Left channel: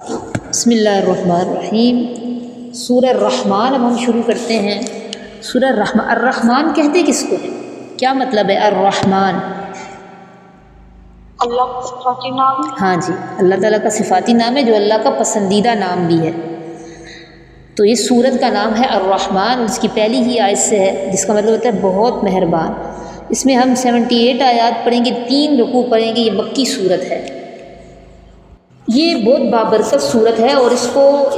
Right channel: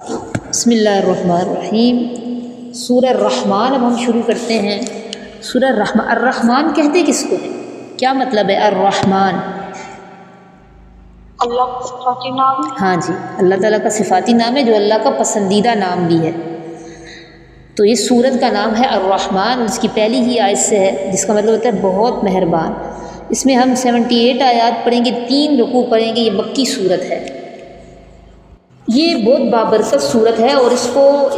بسم اللہ الرحمن الرحیم۔ سورہ الرحمن اب ہم شروع کرتے ہیں۔ سورہ الرحمن، الرحمن کہتے کس کو ہے؟ کیا مطلب ہے الرحمن؟ اللہ کا صفاتی نام ہے۔ ہاں جی، اللہ تعالیٰ کا صفاتی نام ہے جو اللہ کا پسندیدہ نام بھی ہے۔ تو یہ سورت کا نام ہے الرحمن، اس کی پہلی ہی آیت سے ہے جس کا مطلب ہوتا ہے بہت مہربان۔ اس میں ہم 78 آیات پڑھیں گے، 3 رکوع پڑھیں گے۔ یہ مکی سورت ہے، یہ بہت بابرکت صورت ہے اور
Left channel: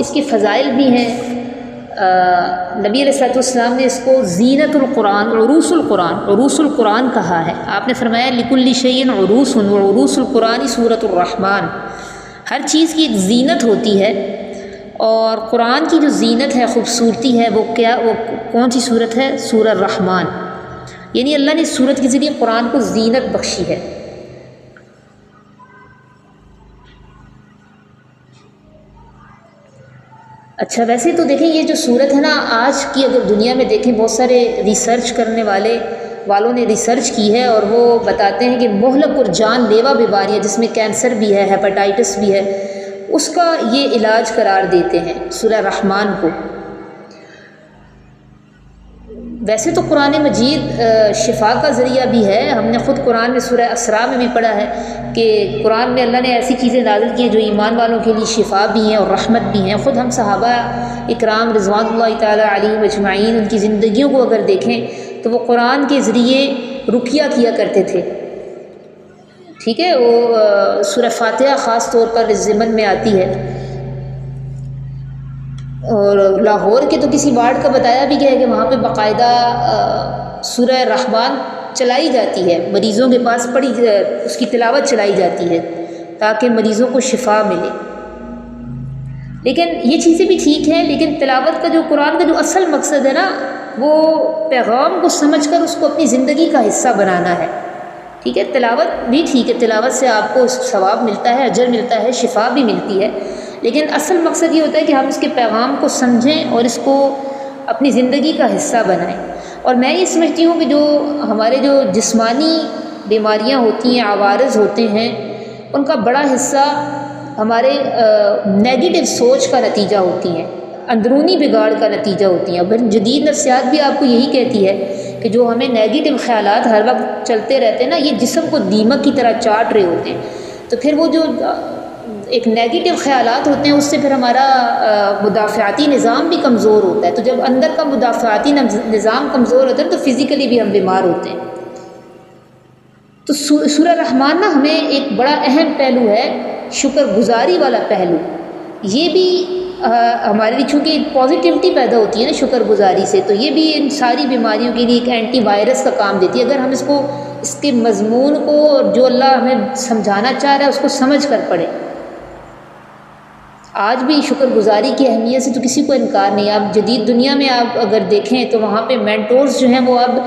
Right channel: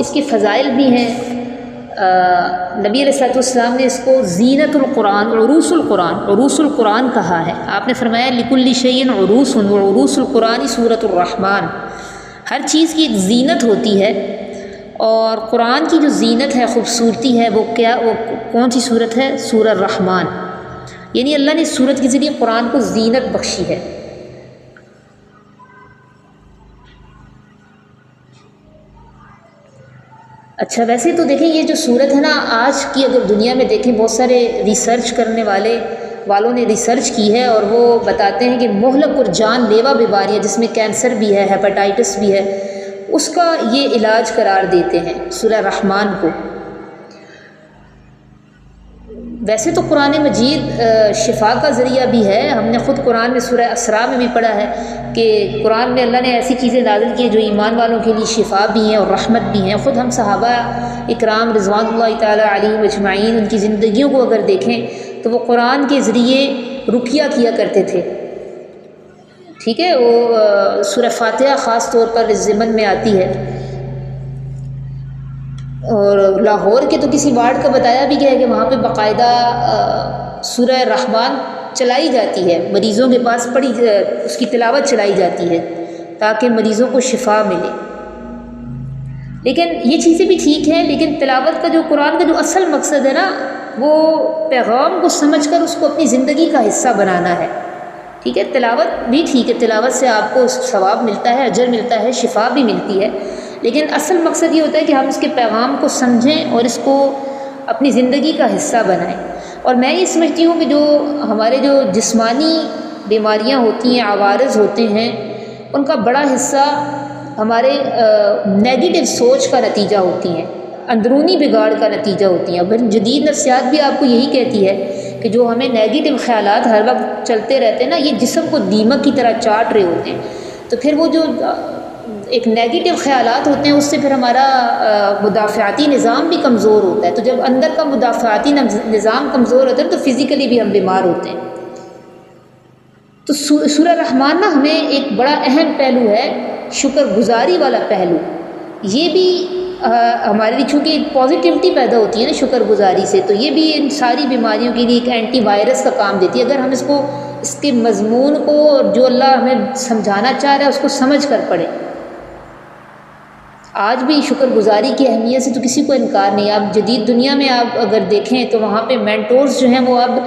اس کے فضائل بھی ہیں۔ نبی علیہ السلام نے اس کو زینت القرآن، عروس القرآن کہا ہے۔ آپ نے فرمایا لکل شیء عروس وعروس القرآن سورۃ الرحمن، ہر چیز کی ایک زینت ہوتی ہے اور قرآن کی جو زینت ہے، خوبصورتی ہے، وہ کون سی صورت ہے؟ سورہ الرحمن۔ یعنی اللہ نے اس صورت کے ذریعے قرآن کو زینت بخشی ہے۔ اچھا، ویسے تو دیکھیں یہ جو صورت ہے نا، آج کی اگر دنیا میں دیکھیں، بہت سارے ریسرچ کرنے والوں نے ریسرچ کی ہے اور وہ بتاتے ہیں کہ مہلک اور جان لیوا بیماریاں جس میں کینسر بھی ہے، ہیپاٹائٹس بھی ہے، اس کا یہ علاج قرار دیتے ہیں سورہ رحمان کو۔ ویسے تو قرآن مجید شفا کا ذریعہ بھی ہے۔ ہم نے خود قرآن میں سورہ اسراء میں بھی پڑھا ہے کہ قرآن میں اللہ نے ایسی چیزیں نازل کی ہیں جو ایمان والوں کے لیے شفا بھی ہیں اور رحمت بھی ہیں۔ خود ہم صحابہ اکرام رضوان اللہ تعالیٰ علیہم اجمعین، ان کی زندگیوں کو اگر دیکھیں تو وہ قرآن کے ذریعے رقیہ کیا کرتے تھے۔ ٹھیک ہے، وہ سورہ فاتحہ خاص طور پر اس ضمن میں آتی ہے۔ اور لاہور کے تو کسی وارڈ کا بتایا بھی گیا ہے کہ وہاں پہ باقاعدہ سورہ رحمان چلائی جاتی ہے، مریضوں کے پاس اس کی تلاوت چلائی جاتی ہے تاکہ مریضوں کو شفا ملے۔ لیکن یہ چیزیں بھی ٹھیک ہیں، لیکن تلاوت کا جو قرآن کا جو اصل مقصد ہے نا، وہ پیغام کو سمجھ کر اس کو اپنی زندگی کا حصہ بنانا ہے۔ ٹھیک ہے، تلاوت بھی ٹھیک ہے، تلاوت سے آپ کو ثواب ملتا ہے، اجر ملتا ہے، شفا بھی ملتی ہے، لیکن اصل مقصد یہ ہوتا ہے کہ ہم اس کے پیغام کو سمجھیں اور اس کو اپنی زندگی کا حصہ بنائیں۔ اور میں یہ سمجھتی ہوں کہ جو ہمارے جو جسمانی بیماریاں ہوتی ہیں، عوارض ہوتے ہیں، ان کا بڑا حصہ ہمارے نیگیٹو سوچ کا نتیجہ ہوتی ہیں، اندرونی بگاڑ کا نتیجہ ہوتی ہیں۔ اور جدید نفسیات بھی آپ کو یہی کہتی ہے کہ جو ہمیں نیگیٹو خیالات ہر وقت چلتے رہتے ہیں نا، یہ جسم کو دیمک کی طرح چاٹ رہے ہوتے ہیں۔ تو پھر وہ جو ایک نیگیٹو خیالات ہوتے ہیں، اس سے پھر ہمارا مدافعاتی نظام بھی کمزور ہوتا ہے۔ تو جب اندر کا مدافعاتی نظام کمزور ہوتا ہے تو فزیکلی بھی ہم بیمار ہوتے ہیں۔ تو سورہ رحمان نا ہمیں ایک بڑا اہم پہلو ہے، شکر گزاری والا پہلو۔ یہ بھی ہمارے لیے چونکہ ایک پازیٹیوٹی پیدا ہوتی ہے نا شکر گزاری سے، تو یہ بھی ان ساری بیماریوں کے لیے ایک اینٹی وائرس کا کام دیتی ہے اگر ہم اس کے مضمون کو جو اللہ ہمیں سمجھانا چاہ رہا ہے اس کو سمجھ کر پڑھیں۔ آج بھی شکر گزاری کی اہمیت سے تو کسی کو انکار نہیں ہے۔ آپ جدید دنیا میں آپ اگر دیکھیں تو وہاں پہ مینٹورز جو ہیں وہ اب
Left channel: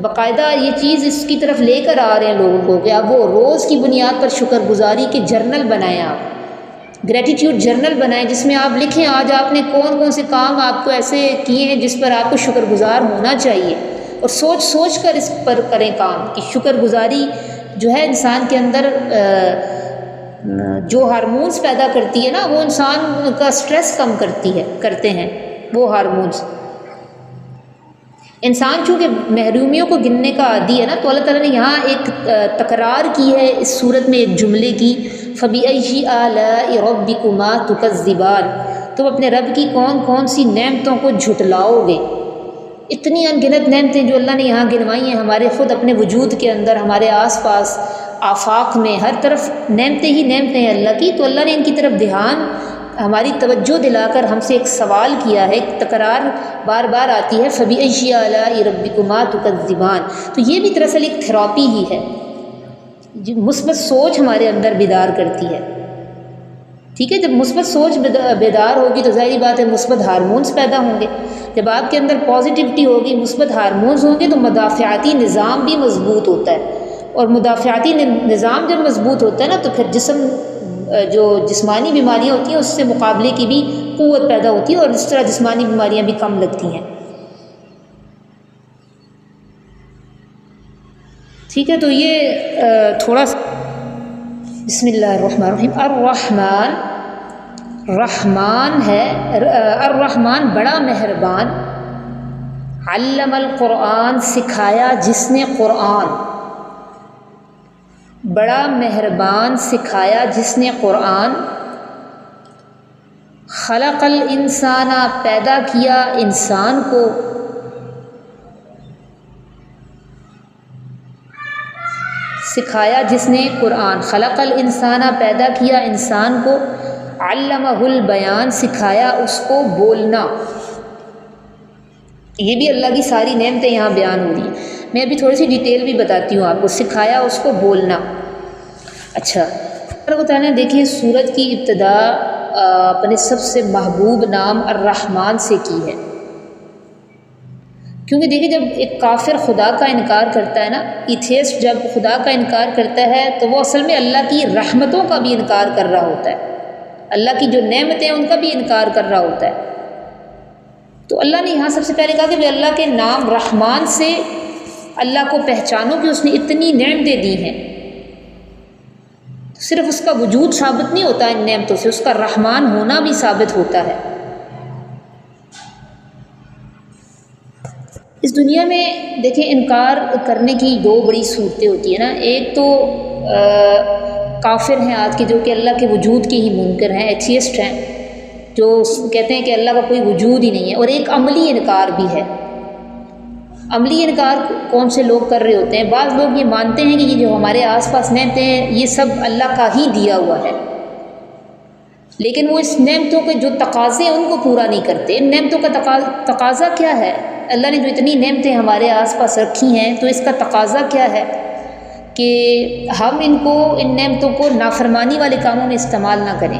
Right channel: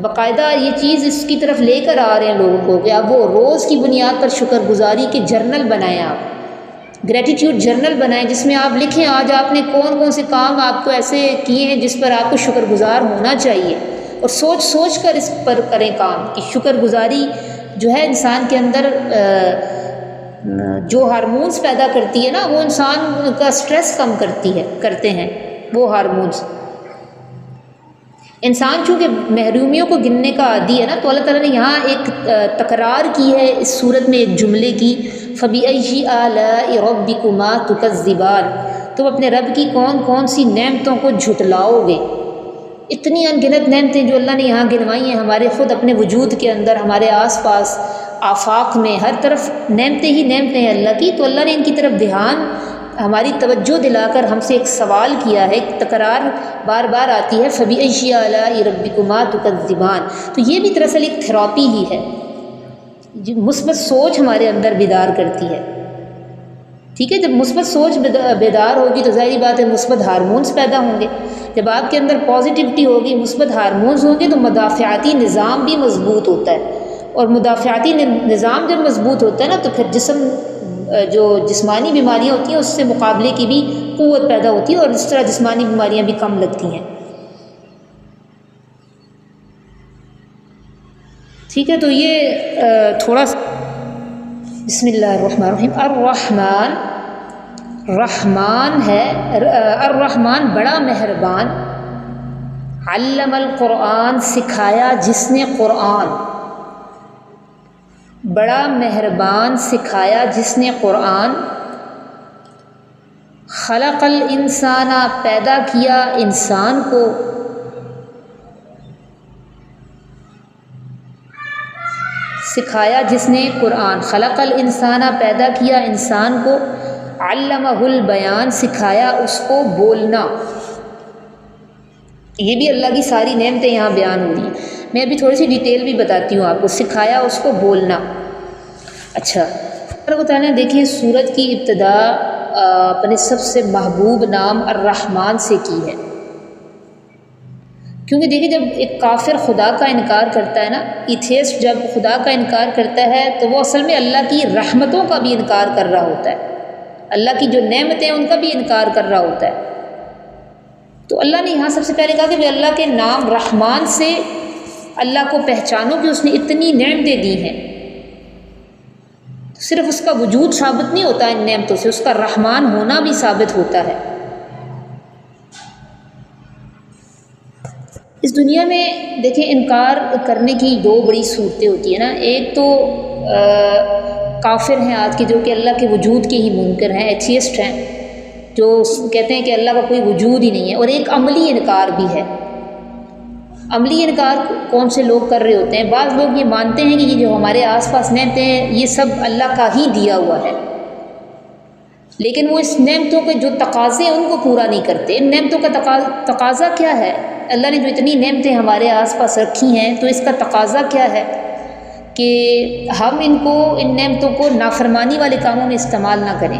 باقاعدہ یہ چیز اس کی طرف لے کر آ رہے ہیں لوگوں کو کہ اب وہ روز کی بنیاد پر شکر گزاری کے جرنل بنائیں، آپ گریٹیٹیوڈ جرنل بنائیں جس میں آپ لکھیں آج آپ نے کون سے کام آپ کو ایسے کیے ہیں جس پر آپ کو شکر گزار ہونا چاہیے، اور سوچ کر اس پر کریں کام کہ شکر گزاری جو ہے انسان کے اندر جو ہارمونز پیدا کرتی ہے نا، وہ انسان کا سٹریس کم کرتے ہیں وہ ہارمونز۔ انسان چونکہ محرومیوں کو گننے کا عادی ہے نا، تو اللہ تعالیٰ نے یہاں ایک تکرار کی ہے اس صورت میں ایک جملے کی، فَبِأَيِّ آلَاءِ رَبِّكُمَا تُكَذِّبَانِ، تم اپنے رب کی کون سی نعمتوں کو جھٹلاؤ گے۔ اتنی انگنت نعمتیں جو اللہ نے یہاں گنوائی ہیں ہمارے خود اپنے وجود کے اندر، ہمارے آس پاس آفاق میں ہر طرف نعمتیں ہی نعمتیں ہیں اللہ کی، تو اللہ نے ان کی طرف دھیان ہماری توجہ دلا کر ہم سے ایک سوال کیا ہے، ایک تکرار بار بار آتی ہے، فَبِأَيِّ آلَاءِ رَبِّكُمَا تُكَذِّبَانِ۔ تو یہ بھی دراصل ایک تھراپی ہی ہے، مثبت سوچ ہمارے اندر بیدار کرتی ہے۔ ٹھیک ہے، جب مثبت سوچ بیدار ہوگی تو ظاہری بات ہے مثبت ہارمونز پیدا ہوں گے۔ جب آپ کے اندر پازیٹیوٹی ہوگی، مثبت ہارمونز ہوں گے تو مدافعاتی نظام بھی مضبوط ہوتا ہے، اور مدافعاتی نظام جب مضبوط ہوتا ہے نا تو پھر جو جسمانی بیماریاں ہوتی ہیں اس سے مقابلے کی بھی قوت پیدا ہوتی ہے، اور اس طرح جسمانی بیماریاں بھی کم لگتی ہیں۔ ٹھیک ہے، تو یہ تھوڑا سا بسم اللہ الرحمن الرحیم۔ الرحمن رحمان ہے، الرحمن بڑا مہربان، علم القرآن سکھایا جس نے قرآن، بڑا مہربان سکھایا جس نے قرآن، خلق الانسان پیدا کیا انسان کو، سکھایا جس نے قرآن، خلق الانسان پیدا کیا انسان کو، علمہ البیان سکھایا اس کو بولنا۔ یہ بھی اللہ کی ساری نعمتیں یہاں بیان ہو رہی ہیں، میں ابھی تھوڑی سی ڈیٹیل بھی بتاتی ہوں آپ کو، سکھایا اس کو بولنا۔ اچھا اللہ تعالیٰ نے دیکھیں سورت کی ابتدا اپنے سب سے محبوب نام الرحمن سے کی ہے، کیونکہ دیکھیں جب ایک کافر خدا کا انکار کرتا ہے نا، ایتھیسٹ جب خدا کا انکار کرتا ہے تو وہ اصل میں اللہ کی رحمتوں کا بھی انکار کر رہا ہوتا ہے، اللہ کی جو نعمتیں ہیں ان کا بھی انکار کر رہا ہوتا ہے۔ تو اللہ نے یہاں سب سے پہلے کہا کہ اللہ کے نام رحمان سے اللہ کو پہچانو کہ اس نے اتنی نعمتیں دی ہیں، صرف اس کا وجود ثابت نہیں ہوتا ان نعمتوں سے، اس کا رحمان ہونا بھی ثابت ہوتا ہے۔ اس دنیا میں دیکھیں انکار کرنے کی دو بڑی صورتیں ہوتی ہیں نا، ایک تو کافر ہیں آج کے جو کہ اللہ کے وجود کے ہی منکر ہیں، ایتھیسٹ ہیں، جو کہتے ہیں کہ اللہ کا کوئی وجود ہی نہیں ہے، اور ایک عملی انکار بھی ہے۔ عملی انکار کون سے لوگ کر رہے ہوتے ہیں؟ بعض لوگ یہ مانتے ہیں کہ یہ جو ہمارے آس پاس نعمتیں ہیں یہ سب اللہ کا ہی دیا ہوا ہے، لیکن وہ اس نعمتوں کے جو تقاضے ہیں ان کو پورا نہیں کرتے۔ ان نعمتوں کا تقاضا کیا ہے؟ اللہ نے جو اتنی نعمتیں ہمارے آس پاس رکھی ہیں تو اس کا تقاضا کیا ہے کہ ہم ان نعمتوں کو نافرمانی والے کاموں میں استعمال نہ کریں۔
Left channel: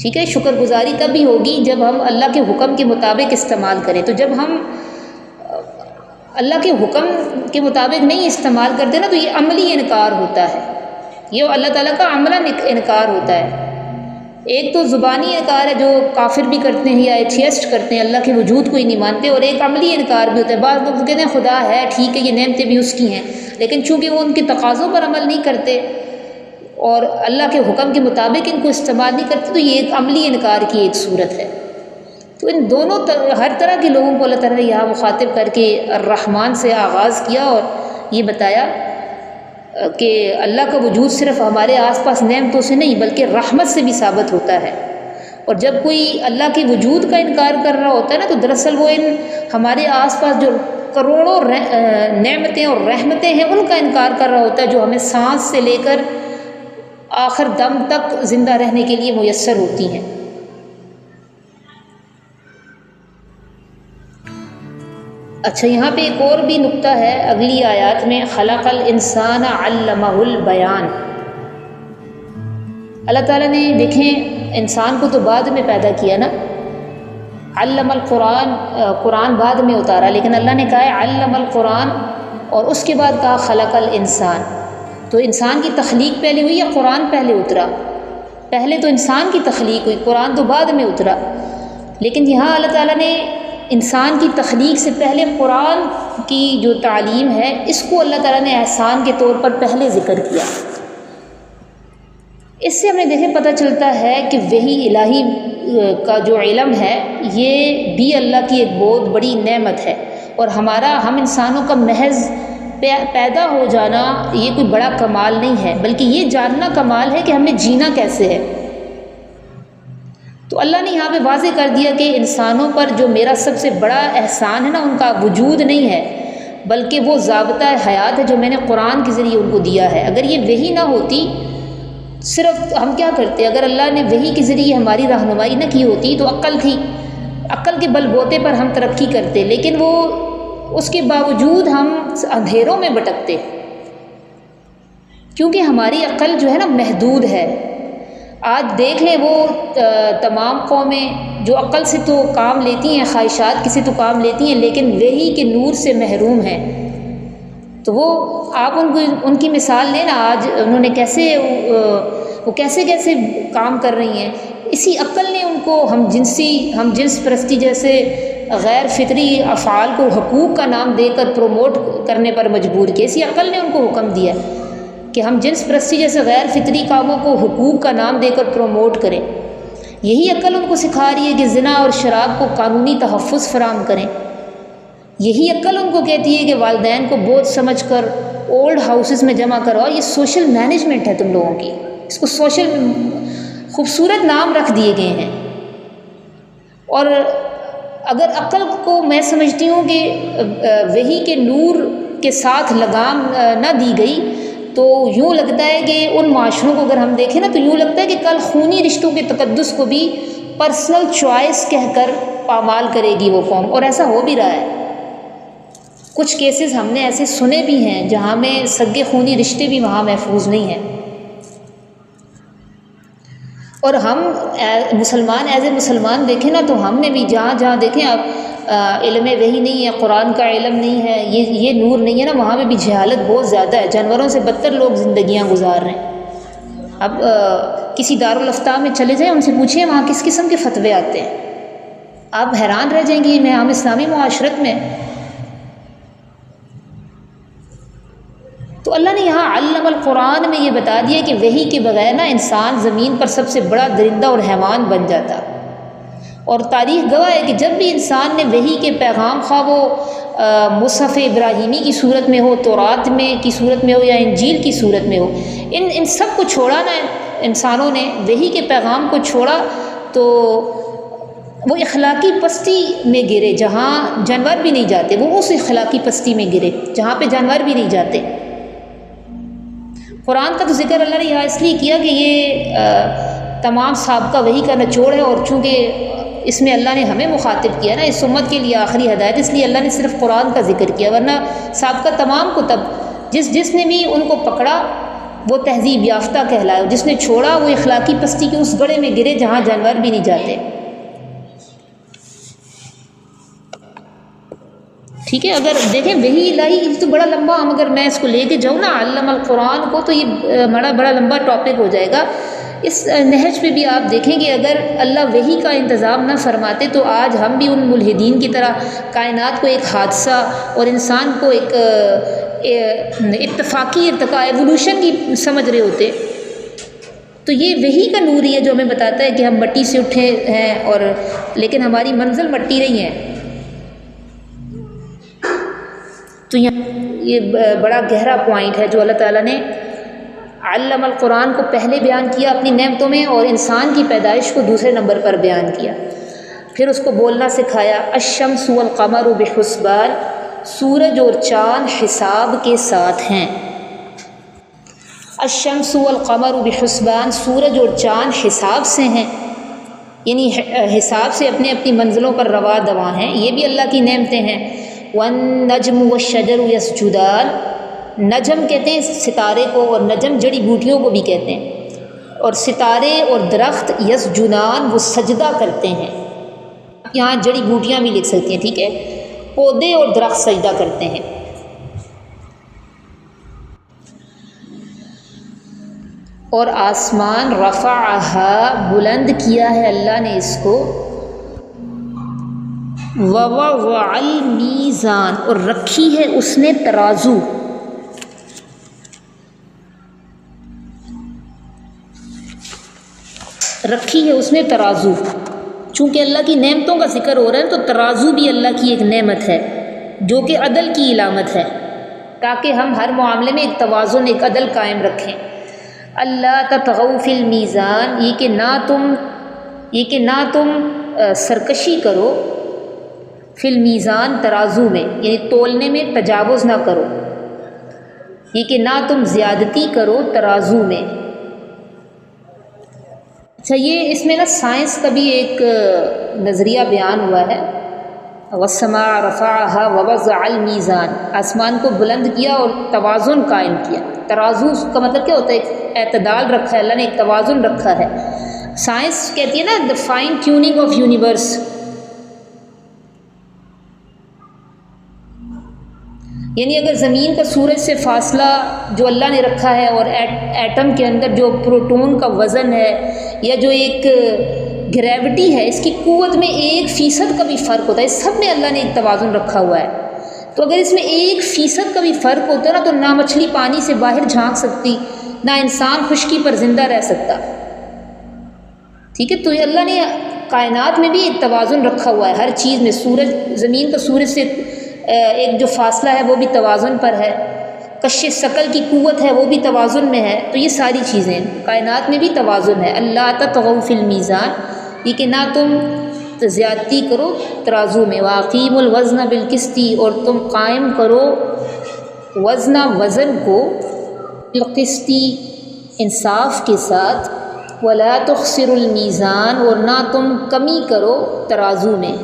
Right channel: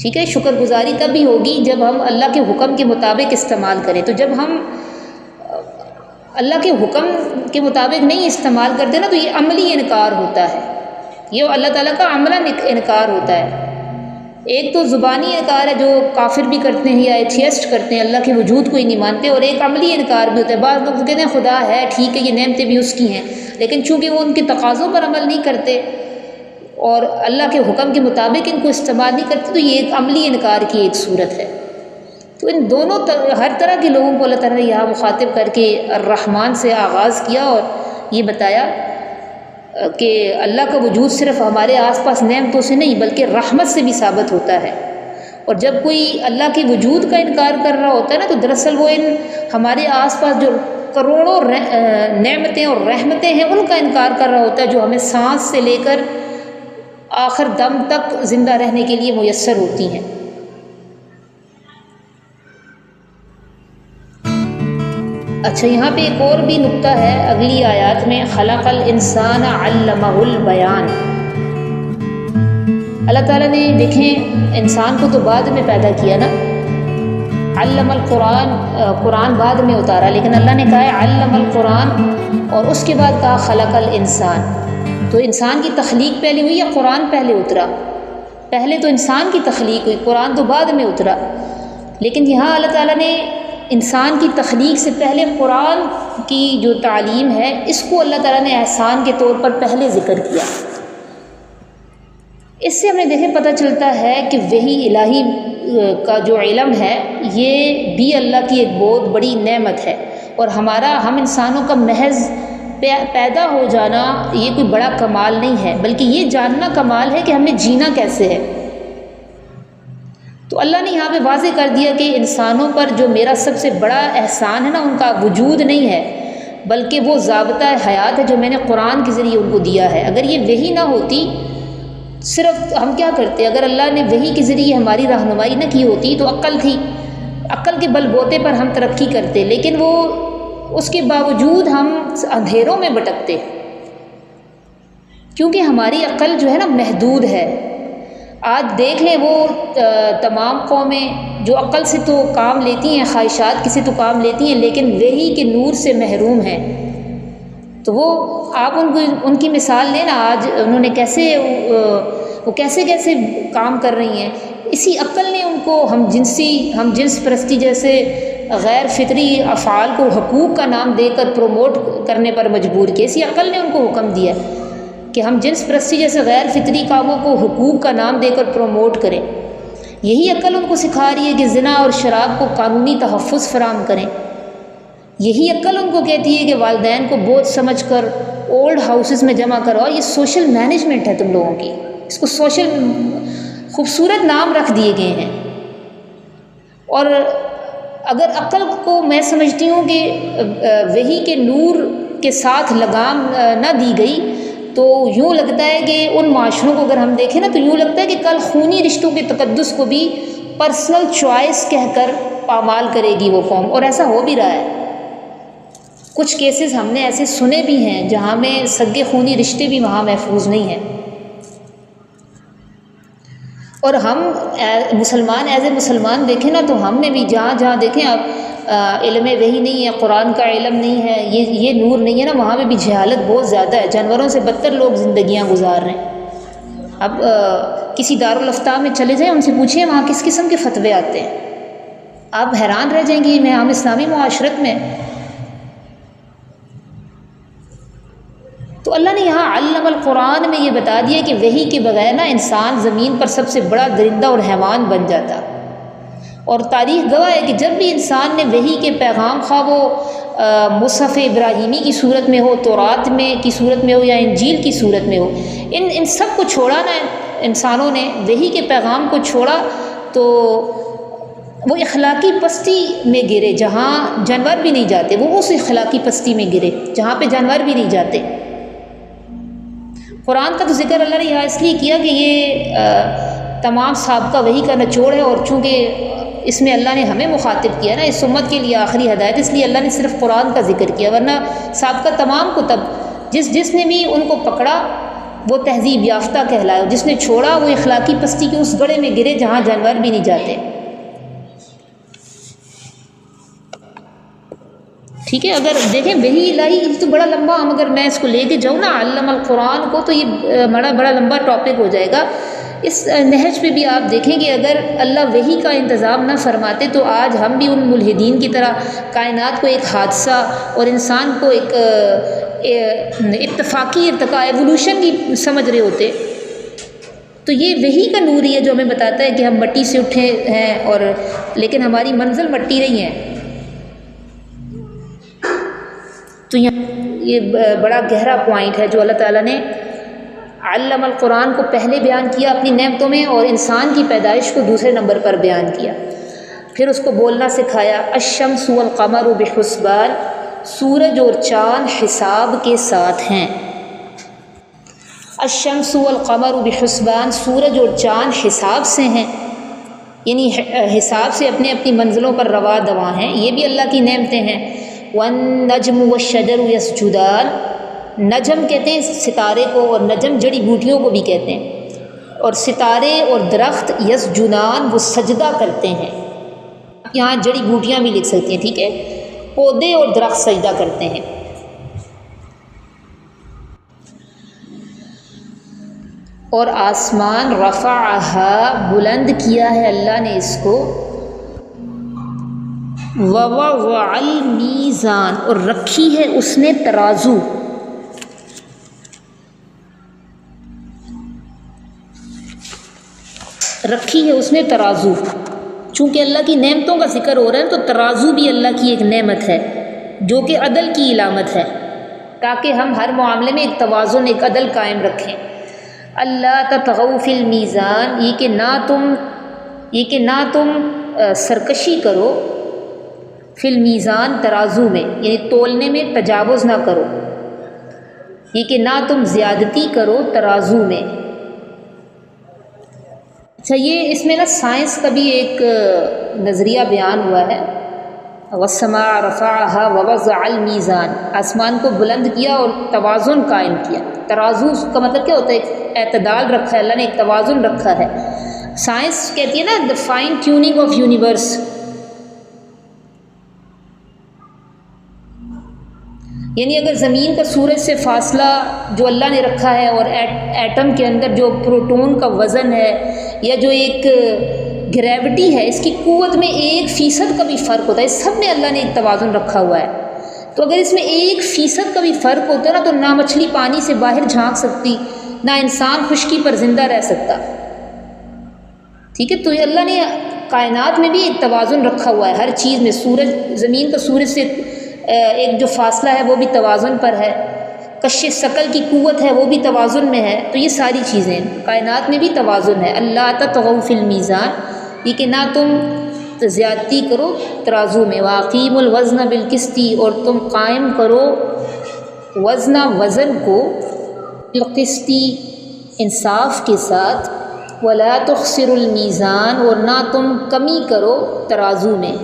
ٹھیک ہے، شکر گزاری تب بھی ہوگی جب ہم اللہ کے حکم کے مطابق استعمال کریں۔ تو جب ہم اللہ کے حکم کے مطابق نہیں استعمال کرتے نا تو یہ عملی انکار ہوتا ہے، یہ اللہ تعالیٰ کا عملاً انکار ہوتا ہے۔ ایک تو زبانی انکار ہے جو کافر بھی کرتے ہیں یا ایتھیسٹ کرتے ہیں، اللہ کے وجود کو ہی نہیں مانتے، اور ایک عملی انکار بھی ہوتا ہے۔ بعض لوگ کہتے ہیں خدا ہے، ٹھیک ہے یہ نعمتیں بھی اس کی ہیں، لیکن چونکہ وہ ان کے تقاضوں پر عمل نہیں کرتے اور اللہ کے حکم کے مطابق ان کو استعمال نہیں کرتے، تو یہ ایک عملی انکار کی ایک صورت ہے۔ تو ان دونوں ہر طرح کے لوگوں کو اللہ تعالیٰ نے یہاں مخاطب کر کے الرحمن سے آغاز کیا اور یہ بتایا کہ اللہ کا وجود صرف ہمارے آس پاس نعمتوں سے نہیں بلکہ رحمت سے بھی ثابت ہوتا ہے۔ اور جب کوئی اللہ کے وجود کا انکار کر رہا ہوتا ہے نا تو دراصل وہ ان ہمارے آس پاس جو کروڑوں نعمتیں اور رحمتیں ہیں ان کا انکار کر رہا ہوتا ہے، جو ہمیں سانس سے لے کر آخر دم تک زندہ رہنے کے لیے میسر ہوتی ہیں۔ اچھا یہاں پہ ایک اور بھی نقطہ ہے اگلی آیات میں، خلق الانسان علمہ البیان۔ اللہ تعالیٰ نے دیکھیں انسان کو تو بعد میں پیدا کیا نا، علم القرآن، قرآن بعد میں اتارا، لیکن اللہ نے کہا ہے علم القرآن اور اس کے بعد کہا خلق الانسان۔ تو انسان کی تخلیق پہلے ہوئی یا قرآن پہلے اترا؟ پہلے تو انسان کی تخلیق ہوئی، قرآن تو بعد میں اترا۔ لیکن یہاں اللہ تعالیٰ نے انسان کی تخلیق سے پہلے قرآن کی جو تعلیم ہے اس کو اللہ تعالیٰ نے احسان کے طور پر پہلے ذکر کیا۔ اس سے ہمیں دیکھیں پتہ چلتا ہے کہ وحی الہی کا جو علم ہے یہ بھی اللہ کی ایک بہت بڑی نعمت ہے، اور ہم انسانوں کا محض پیدا ہو جانا یہ کوئی بڑا کمال نہیں ہے، بلکہ یہ جاننا کمال ہے کہ ہمیں جینا کیسے ہے۔ تو اللہ نے یہاں پہ واضح کر دیا کہ انسانوں پر جو میرا سب سے بڑا احسان ہے نا ان کا وجود نہیں ہے بلکہ وہ ضابطہ حیات ہے جو میں نے قرآن کے ذریعے ان کو دیا ہے۔ اگر یہ وحی نہ ہوتی، صرف ہم کیا کرتے، اگر اللہ نے وحی کے ذریعے ہماری رہنمائی نہ کی ہوتی تو عقل تھی، عقل کے بل بوتے پر ہم ترقی کرتے، لیکن وہ اس کے باوجود ہم اندھیروں میں بھٹکتے، کیونکہ ہماری عقل جو ہے نا محدود ہے۔ آج دیکھ لیں وہ تمام قومیں جو عقل سے تو کام لیتی ہیں، خواہشات کی سے تو کام لیتی ہیں، لیکن وحی کے نور سے محروم ہیں۔ تو وہ آپ ان کی مثال لیں نا، آج انہوں نے کیسے کام کر رہی ہیں۔ اسی عقل نے ان کو ہم جنس پرستی جیسے غیر فطری افعال کو حقوق کا نام دے کر پروموٹ کرنے پر مجبور کیا، اسی عقل نے ان کو حکم دیا۔ کہ ہم جنس پرستی جیسے غیر فطری کاموں کو حقوق کا نام دے کر پروموٹ کریں۔ یہی عقل ان کو سکھا رہی ہے کہ زنا اور شراب کو قانونی تحفظ فراہم کریں۔ یہی عقل ان کو کہتی ہے کہ والدین کو بوجھ سمجھ کر اولڈ ہاؤسز میں جمع کرو۔ یہ سوشل مینجمنٹ ہے تم لوگوں کی، اس کو سوشل خوبصورت نام رکھ دیے گئے ہیں۔ اور اگر عقل کو میں سمجھتی ہوں کہ وحی کے نور کے ساتھ لگام نہ دی گئی تو یوں لگتا ہے کہ ان معاشروں کو اگر ہم دیکھیں نا تو یوں لگتا ہے کہ کل خونی رشتوں کے تقدس کو بھی پرسنل چوائس کہہ کر پامال کرے گی وہ قوم، اور ایسا ہو بھی رہا ہے۔ کچھ کیسز ہم نے ایسے سنے بھی ہیں جہاں میں سگے خونی رشتے بھی وہاں محفوظ نہیں ہیں، اور ہم مسلمان ایز اے مسلمان دیکھیں نا تو ہم میں بھی جہاں جہاں دیکھیں اب علم وحی نہیں ہے، قرآن کا علم نہیں ہے، یہ نور نہیں ہے نا، وہاں میں بھی جہالت بہت زیادہ ہے، جانوروں سے بدتر لوگ زندگیاں گزار رہے ہیں۔ اب کسی دارالافتاء میں چلے جائیں، ان سے پوچھیں وہاں کس قسم کے فتوے آتے ہیں، آپ حیران رہ جائیں گے میں ہم اسلامی معاشرت میں۔ تو اللہ نے یہاں علم القرآن میں یہ بتا دیا کہ وحی کے بغیر نا انسان زمین پر سب سے بڑا درندہ اور حیوان بن جاتا، اور تاریخ گواہ ہے کہ جب بھی انسان نے وحی کے پیغام خواہ وہ مصحف ابراہیمی کی صورت میں ہو، تورات میں کی صورت میں ہو یا انجیل کی صورت میں ہو، ان سب کو چھوڑا نا انسانوں نے، وحی کے پیغام کو چھوڑا تو وہ اخلاقی پستی میں گرے جہاں جانور بھی نہیں جاتے، وہ اس اخلاقی پستی میں گرے جہاں پہ جانور بھی نہیں جاتے۔ قرآن کا تو ذکر اللہ نے یہاں اس لیے کیا کہ یہ تمام سابقہ وحی کا نچوڑ ہے، اور چونکہ اس میں اللہ نے ہمیں مخاطب کیا نا، اس امت کے لیے آخری ہدایت، اس لیے اللہ نے صرف قرآن کا ذکر کیا، ورنہ سابقہ تمام کتب جس نے بھی ان کو پکڑا وہ تہذیب یافتہ کہلائے، جس نے چھوڑا وہ اخلاقی پستی کے اس گڑھے میں گرے جہاں جانور بھی نہیں جاتے۔ ٹھیک ہے، اگر دیکھیں وحی الہی تو بڑا لمبا، ہم اگر میں اس کو لے کے جاؤں نا علم القرآن کو تو یہ بڑا لمبا ٹاپک ہو جائے گا۔ اس نہج پہ بھی آپ دیکھیں کہ اگر اللہ وحی کا انتظام نہ فرماتے تو آج ہم بھی ان ملحدین کی طرح کائنات کو ایک حادثہ اور انسان کو ایک اتفاقی ارتقاء ایوولوشن کی سمجھ رہے ہوتے۔ تو یہ وحی کا نور ہی ہے جو ہمیں بتاتا ہے کہ ہم مٹی سے اٹھے ہیں، اور لیکن ہماری منزل مٹی نہیں ہے۔ تو یہ بڑا گہرا پوائنٹ ہے جو اللہ تعالیٰ نے علم القرآن کو پہلے بیان کیا اپنی نعمتوں میں، اور انسان کی پیدائش کو دوسرے نمبر پر بیان کیا، پھر اس کو بولنا سکھایا۔ الشمس والقمر بحسبان، سورج اور چاند حساب کے ساتھ ہیں۔ الشمس والقمر بحسبان، سورج اور چاند حساب سے ہیں، یعنی حساب سے اپنی اپنی منزلوں پر روا دواں ہیں، یہ بھی اللہ کی نعمتیں ہیں۔ والنجم والشجر یسجدان، نجم کہتے ہیں ستارے کو، اور نجم جڑی بوٹیوں کو بھی کہتے ہیں، اور ستارے اور درخت یسجدان وہ سجدہ کرتے ہیں، یہاں جڑی بوٹیاں بھی لکھ سکتے ہیں، ٹھیک ہے، پودے اور درخت سجدہ کرتے ہیں۔ اور آسمان رفعہا، بلند کیا ہے اللہ نے اس کو، ووضع المیزان، اور رکھی ہے اس نے ترازو، رکھی ہے اس نے ترازو۔ چونکہ اللہ کی نعمتوں کا ذکر ہو رہا ہے تو ترازو بھی اللہ کی ایک نعمت ہے جو کہ عدل کی علامت ہے، تاکہ ہم ہر معاملے میں ایک توازن، ایک عدل قائم رکھیں۔ اللہ تطغوا فی المیزان، یہ کہ نہ تم سرکشی کرو، فی المیزان ترازو میں، یعنی تولنے میں تجاوز نہ کرو، یہ کہ نہ تم زیادتی کرو ترازو میں۔ اچھا، یہ اس میں نا سائنس کا بھی ایک نظریہ بیان ہوا ہے۔ والسماء رفعہا ووضع المیزان، آسمان کو بلند کیا اور توازن قائم کیا۔ ترازو کا مطلب کیا ہوتا ہے؟ ایک اعتدال رکھا ہے اللہ نے، ایک توازن رکھا ہے۔ سائنس کہتی ہے نا the fine tuning of universe، یعنی اگر زمین کا سورج سے فاصلہ جو اللہ نے رکھا ہے، اور ایٹم کے اندر جو پروٹون کا وزن ہے، یا جو ایک گریوٹی ہے، اس کی قوت میں 1% کا بھی فرق ہوتا ہے، اس سب میں اللہ نے ایک توازن رکھا ہوا ہے۔ تو اگر اس میں 1% کا بھی فرق ہوتا نا تو نہ مچھلی پانی سے باہر جھانک سکتی، نہ انسان خشکی پر زندہ رہ سکتا، ٹھیک ہے۔ تو یہ اللہ نے کائنات میں بھی ایک توازن رکھا ہوا ہے ہر چیز میں، سورج، زمین کا سورج سے ایک جو فاصلہ ہے وہ بھی توازن پر ہے، کش ثقل کی قوت ہے وہ بھی توازن میں ہے، تو یہ ساری چیزیں کائنات میں بھی توازن ہے۔ اللہ تطغوا فی المیزان، یہ کہ نہ تم زیادتی کرو ترازو میں، واقیم الوزن بالقسط، اور تم قائم کرو وزن کو بالقسط، انصاف کے ساتھ، ولا تخسروا المیزان، اور نہ تم کمی کرو ترازو میں،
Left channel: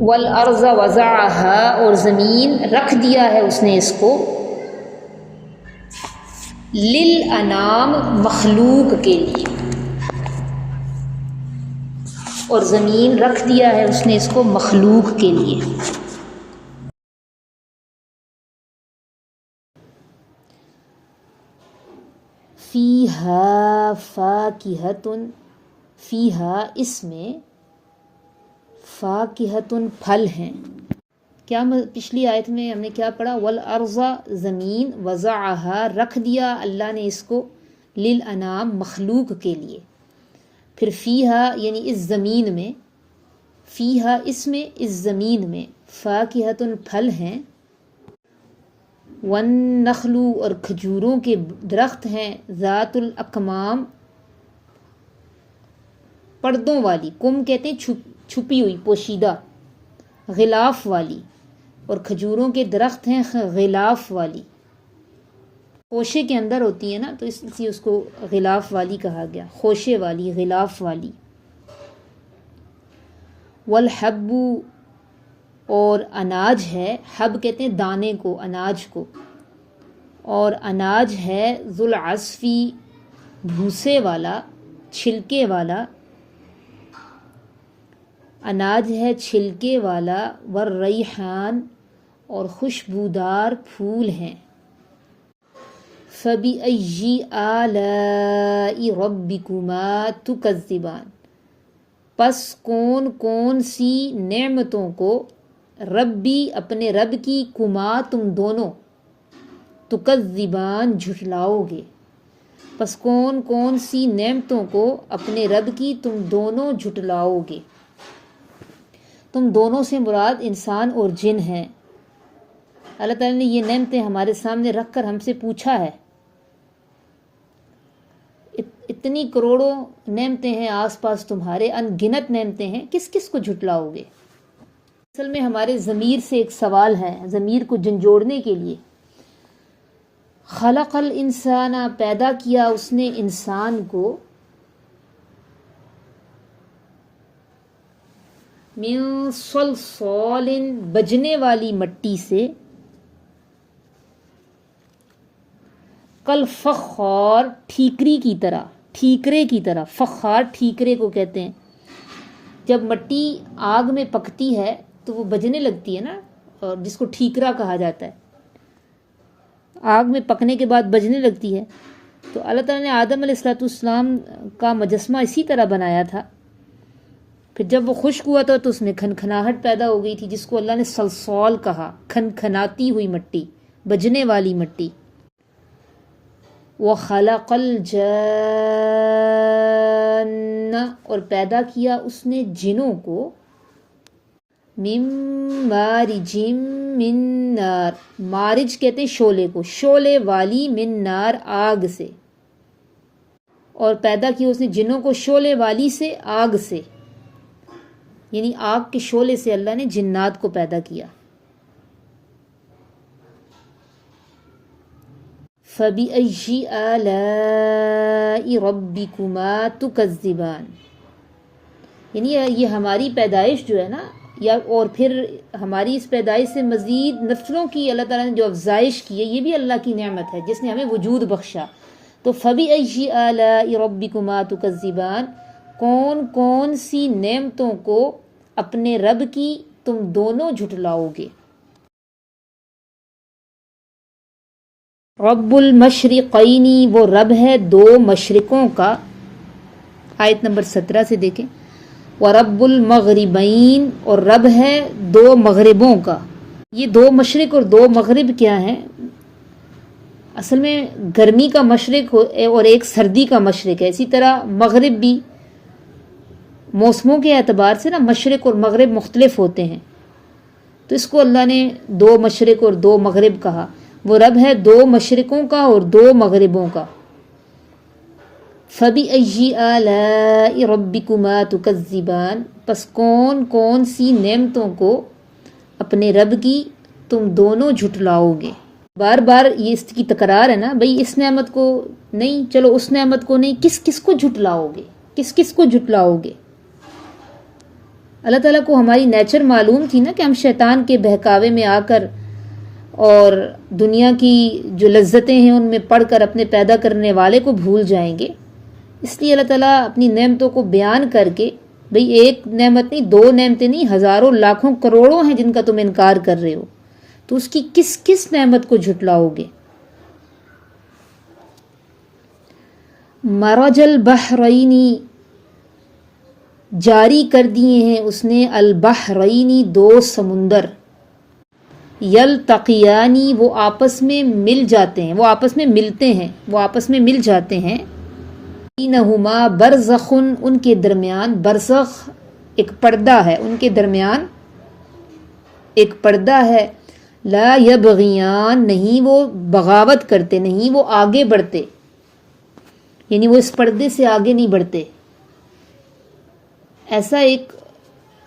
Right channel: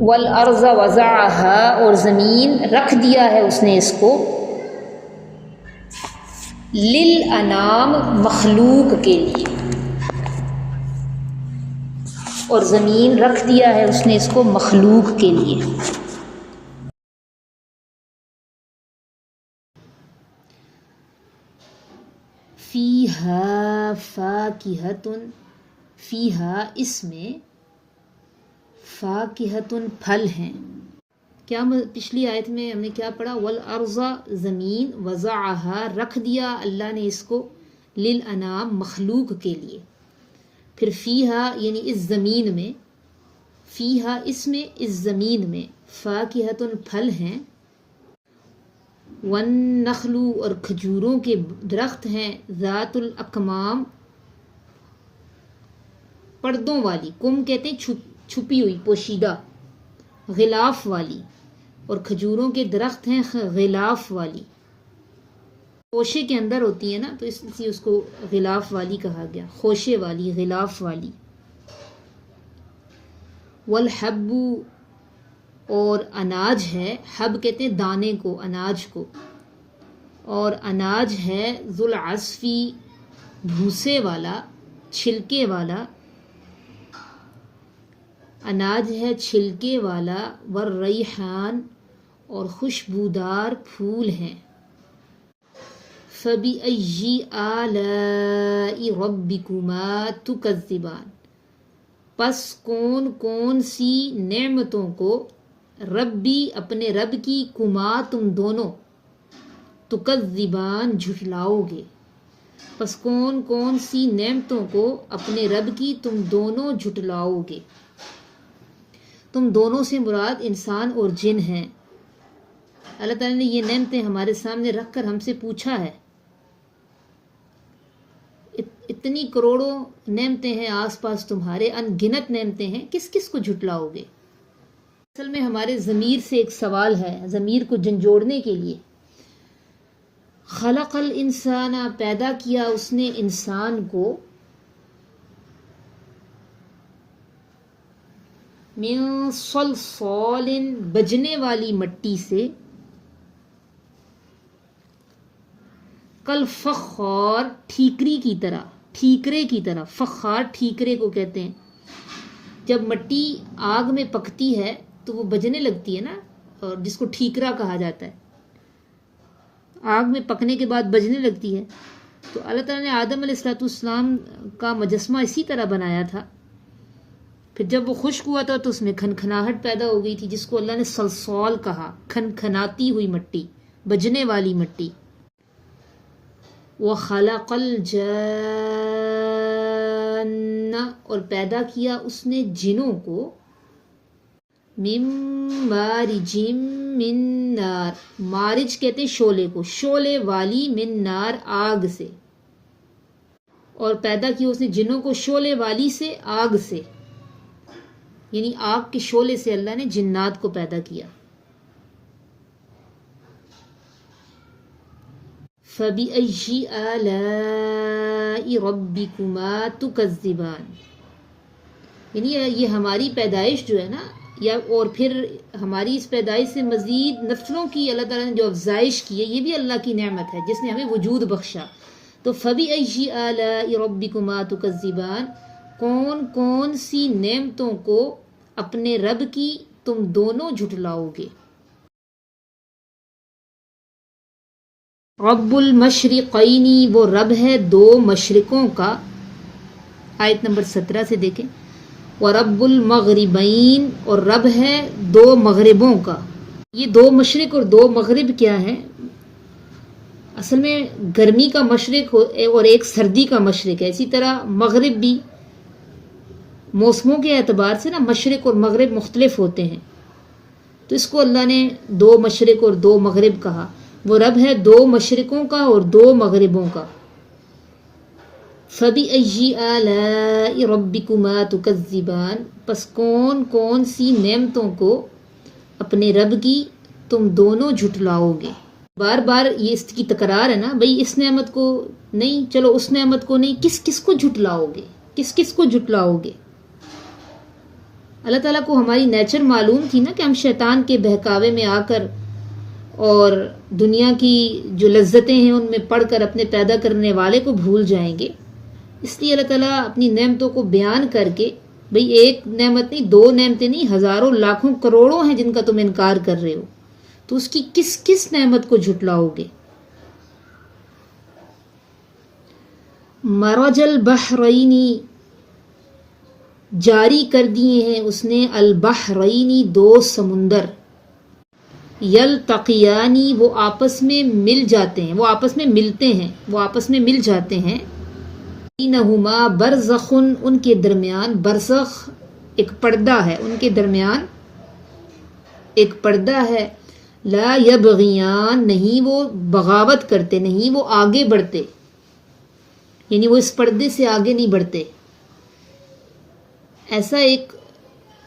والارض وضعها، اور زمین رکھ دیا ہے اس نے اس کو، للانام، مخلوق کے لیے، اور زمین رکھ دیا ہے اس نے اس کو مخلوق کے لیے۔ فیہا فاکہۃ، فیہا اس میں، فاکہۃ پھل ہیں۔ کیا پچھلی آیت میں ہم نے کیا پڑھا؟ والارض، زمین، وضعہا، رکھ دیا اللہ نے اس کو، للانام، مخلوق کے لیے۔ پھر فیہا یعنی اس زمین میں، فیہا اس میں، اس زمین میں، فاکہۃ پھل ہیں، والنخل، اور کھجوروں کے درخت ہیں، ذات الاکمام، پردوں والی، کم کہتے ہیں چھپی ہوئی، پوشیدہ، غلاف والی، اور کھجوروں کے درخت ہیں غلاف والی، خوشے کے اندر ہوتی ہے نا تو اس لیے اس کو غلاف والی کہا گیا، خوشے والی، غلاف والی۔ والحب، اور اناج ہے، حب کہتے ہیں دانے کو، اناج کو، اور اناج ہے ذوالعصفی، بھوسے والا، چھلکے والا، اناج ہے چھلکے والا، والریحان، اور خوشبودار پھول ہیں۔ فَبِأَيِّ آلَاءِ رَبِّكُمَا تُكَذِّبَانِ، پس کون کون سی نعمتوں کو، ربی، اپنے رب کی، کما، تم دونوں، تکذبان، جھٹلاؤ گے، پس کون کون سی نعمتوں کو اپنے رب کی تم دونوں جھٹلاؤ گے۔ تم دونوں سے مراد انسان اور جن ہیں۔ اللہ تعالیٰ نے یہ نعمتیں ہمارے سامنے رکھ کر ہم سے پوچھا ہے، اتنی کروڑوں نعمتیں ہیں آس پاس تمہارے، ان گنت نعمتیں ہیں، کس کس کو جھٹلاؤ گے؟ اصل میں ہمارے ضمیر سے ایک سوال ہے، ضمیر کو جھنجھوڑنے کے لیے۔ خلق الانسان، پیدا کیا اس نے انسان کو، من صلصال، بجنے والی مٹی سے، کالفخار، ٹھیکری کی طرح، ٹھیکرے کی طرح، فخار ٹھیکرے کو کہتے ہیں۔ جب مٹی آگ میں پکتی ہے تو وہ بجنے لگتی ہے نا، اور جس کو ٹھیکرا کہا جاتا ہے، آگ میں پکنے کے بعد بجنے لگتی ہے۔ تو اللہ تعالیٰ نے آدم علیہ السلام کا مجسمہ اسی طرح بنایا تھا، پھر جب وہ خشک ہوا تھا تو اس میں کھنکھناہٹ پیدا ہو گئی تھی، جس کو اللہ نے صلصال کہا، کھنکھناتی ہوئی مٹی، بجنے والی مٹی۔ وَخَلَقَ الْجَانَّ، اور پیدا کیا اس نے جنوں کو، مِن مَارِجٍ مِن نار، مارج کہتے ہیں شعلے کو، شعلے والی، من نار، آگ سے، اور پیدا کیا اس نے جنوں کو شعلے والی سے، آگ سے، یعنی آگ کے شعلے سے اللہ نے جنات کو پیدا کیا۔ فَبِأَيِّ آلَاءِ رَبِّكُمَا تُكَذِّبَانِ، یعنی یہ ہماری پیدائش جو ہے نا، یا اور پھر ہماری اس پیدائش سے مزید نسلوں کی اللہ تعالیٰ نے جو افزائش کی ہے، یہ بھی اللہ کی نعمت ہے جس نے ہمیں وجود بخشا۔ تو فَبِأَيِّ آلَاءِ رَبِّكُمَا تُكَذِّبَانِ، کون کون سی نعمتوں کو اپنے رب کی تم دونوں جھٹلاؤ گے۔ رب المشرقین، وہ رب ہے دو مشرقوں کا، آیت نمبر 17 سے دیکھیں۔ ورب المغربین، اور رب ہے دو مغربوں کا۔ یہ دو مشرق اور دو مغرب کیا ہیں؟ اصل میں گرمی کا مشرق اور ایک سردی کا مشرق ہے، اسی طرح مغرب بھی موسموں کے اعتبار سے نا مشرق اور مغرب مختلف ہوتے ہیں، تو اس کو اللہ نے دو مشرق اور دو مغرب کہا۔ وہ رب ہے دو مشرقوں کا اور دو مغربوں کا۔ فَبِأَيِّ آلَاءِ رَبِّكُمَا تُكَذِّبَانِ، پس کون کون سی نعمتوں کو اپنے رب کی تم دونوں جھٹلاؤ گے۔ بار بار یہ اس کی تکرار ہے نا، بھئی اس نعمت کو نہیں، چلو اس نعمت کو نہیں، کس کس کو جھٹلاؤ گے، کس کس کو جھٹلاؤ گے۔ اللہ تعالیٰ کو ہماری نیچر معلوم تھی نا کہ ہم شیطان کے بہکاوے میں آ کر اور دنیا کی جو لذتیں ہیں ان میں پڑھ کر اپنے پیدا کرنے والے کو بھول جائیں گے، اس لیے اللہ تعالیٰ اپنی نعمتوں کو بیان کر کے، بھئی ایک نعمت نہیں، دو نعمتیں نہیں، ہزاروں لاکھوں کروڑوں ہیں جن کا تم انکار کر رہے ہو، تو اس کی کس کس نعمت کو جھٹلاؤ گے۔ مرج البحرینی، جاری کر دیے ہیں اس نے، البحرینی دو سمندر، یلتقیانی وہ آپس میں مل جاتے ہیں، وہ آپس میں ملتے ہیں، وہ آپس میں مل جاتے ہیں، بینہما برزخ ان کے درمیان، برزخ ایک پردہ ہے، ان کے درمیان ایک پردہ ہے، لا یبغیان نہیں وہ بغاوت کرتے، نہیں وہ آگے بڑھتے، یعنی وہ اس پردے سے آگے نہیں بڑھتے۔ ایسا ایک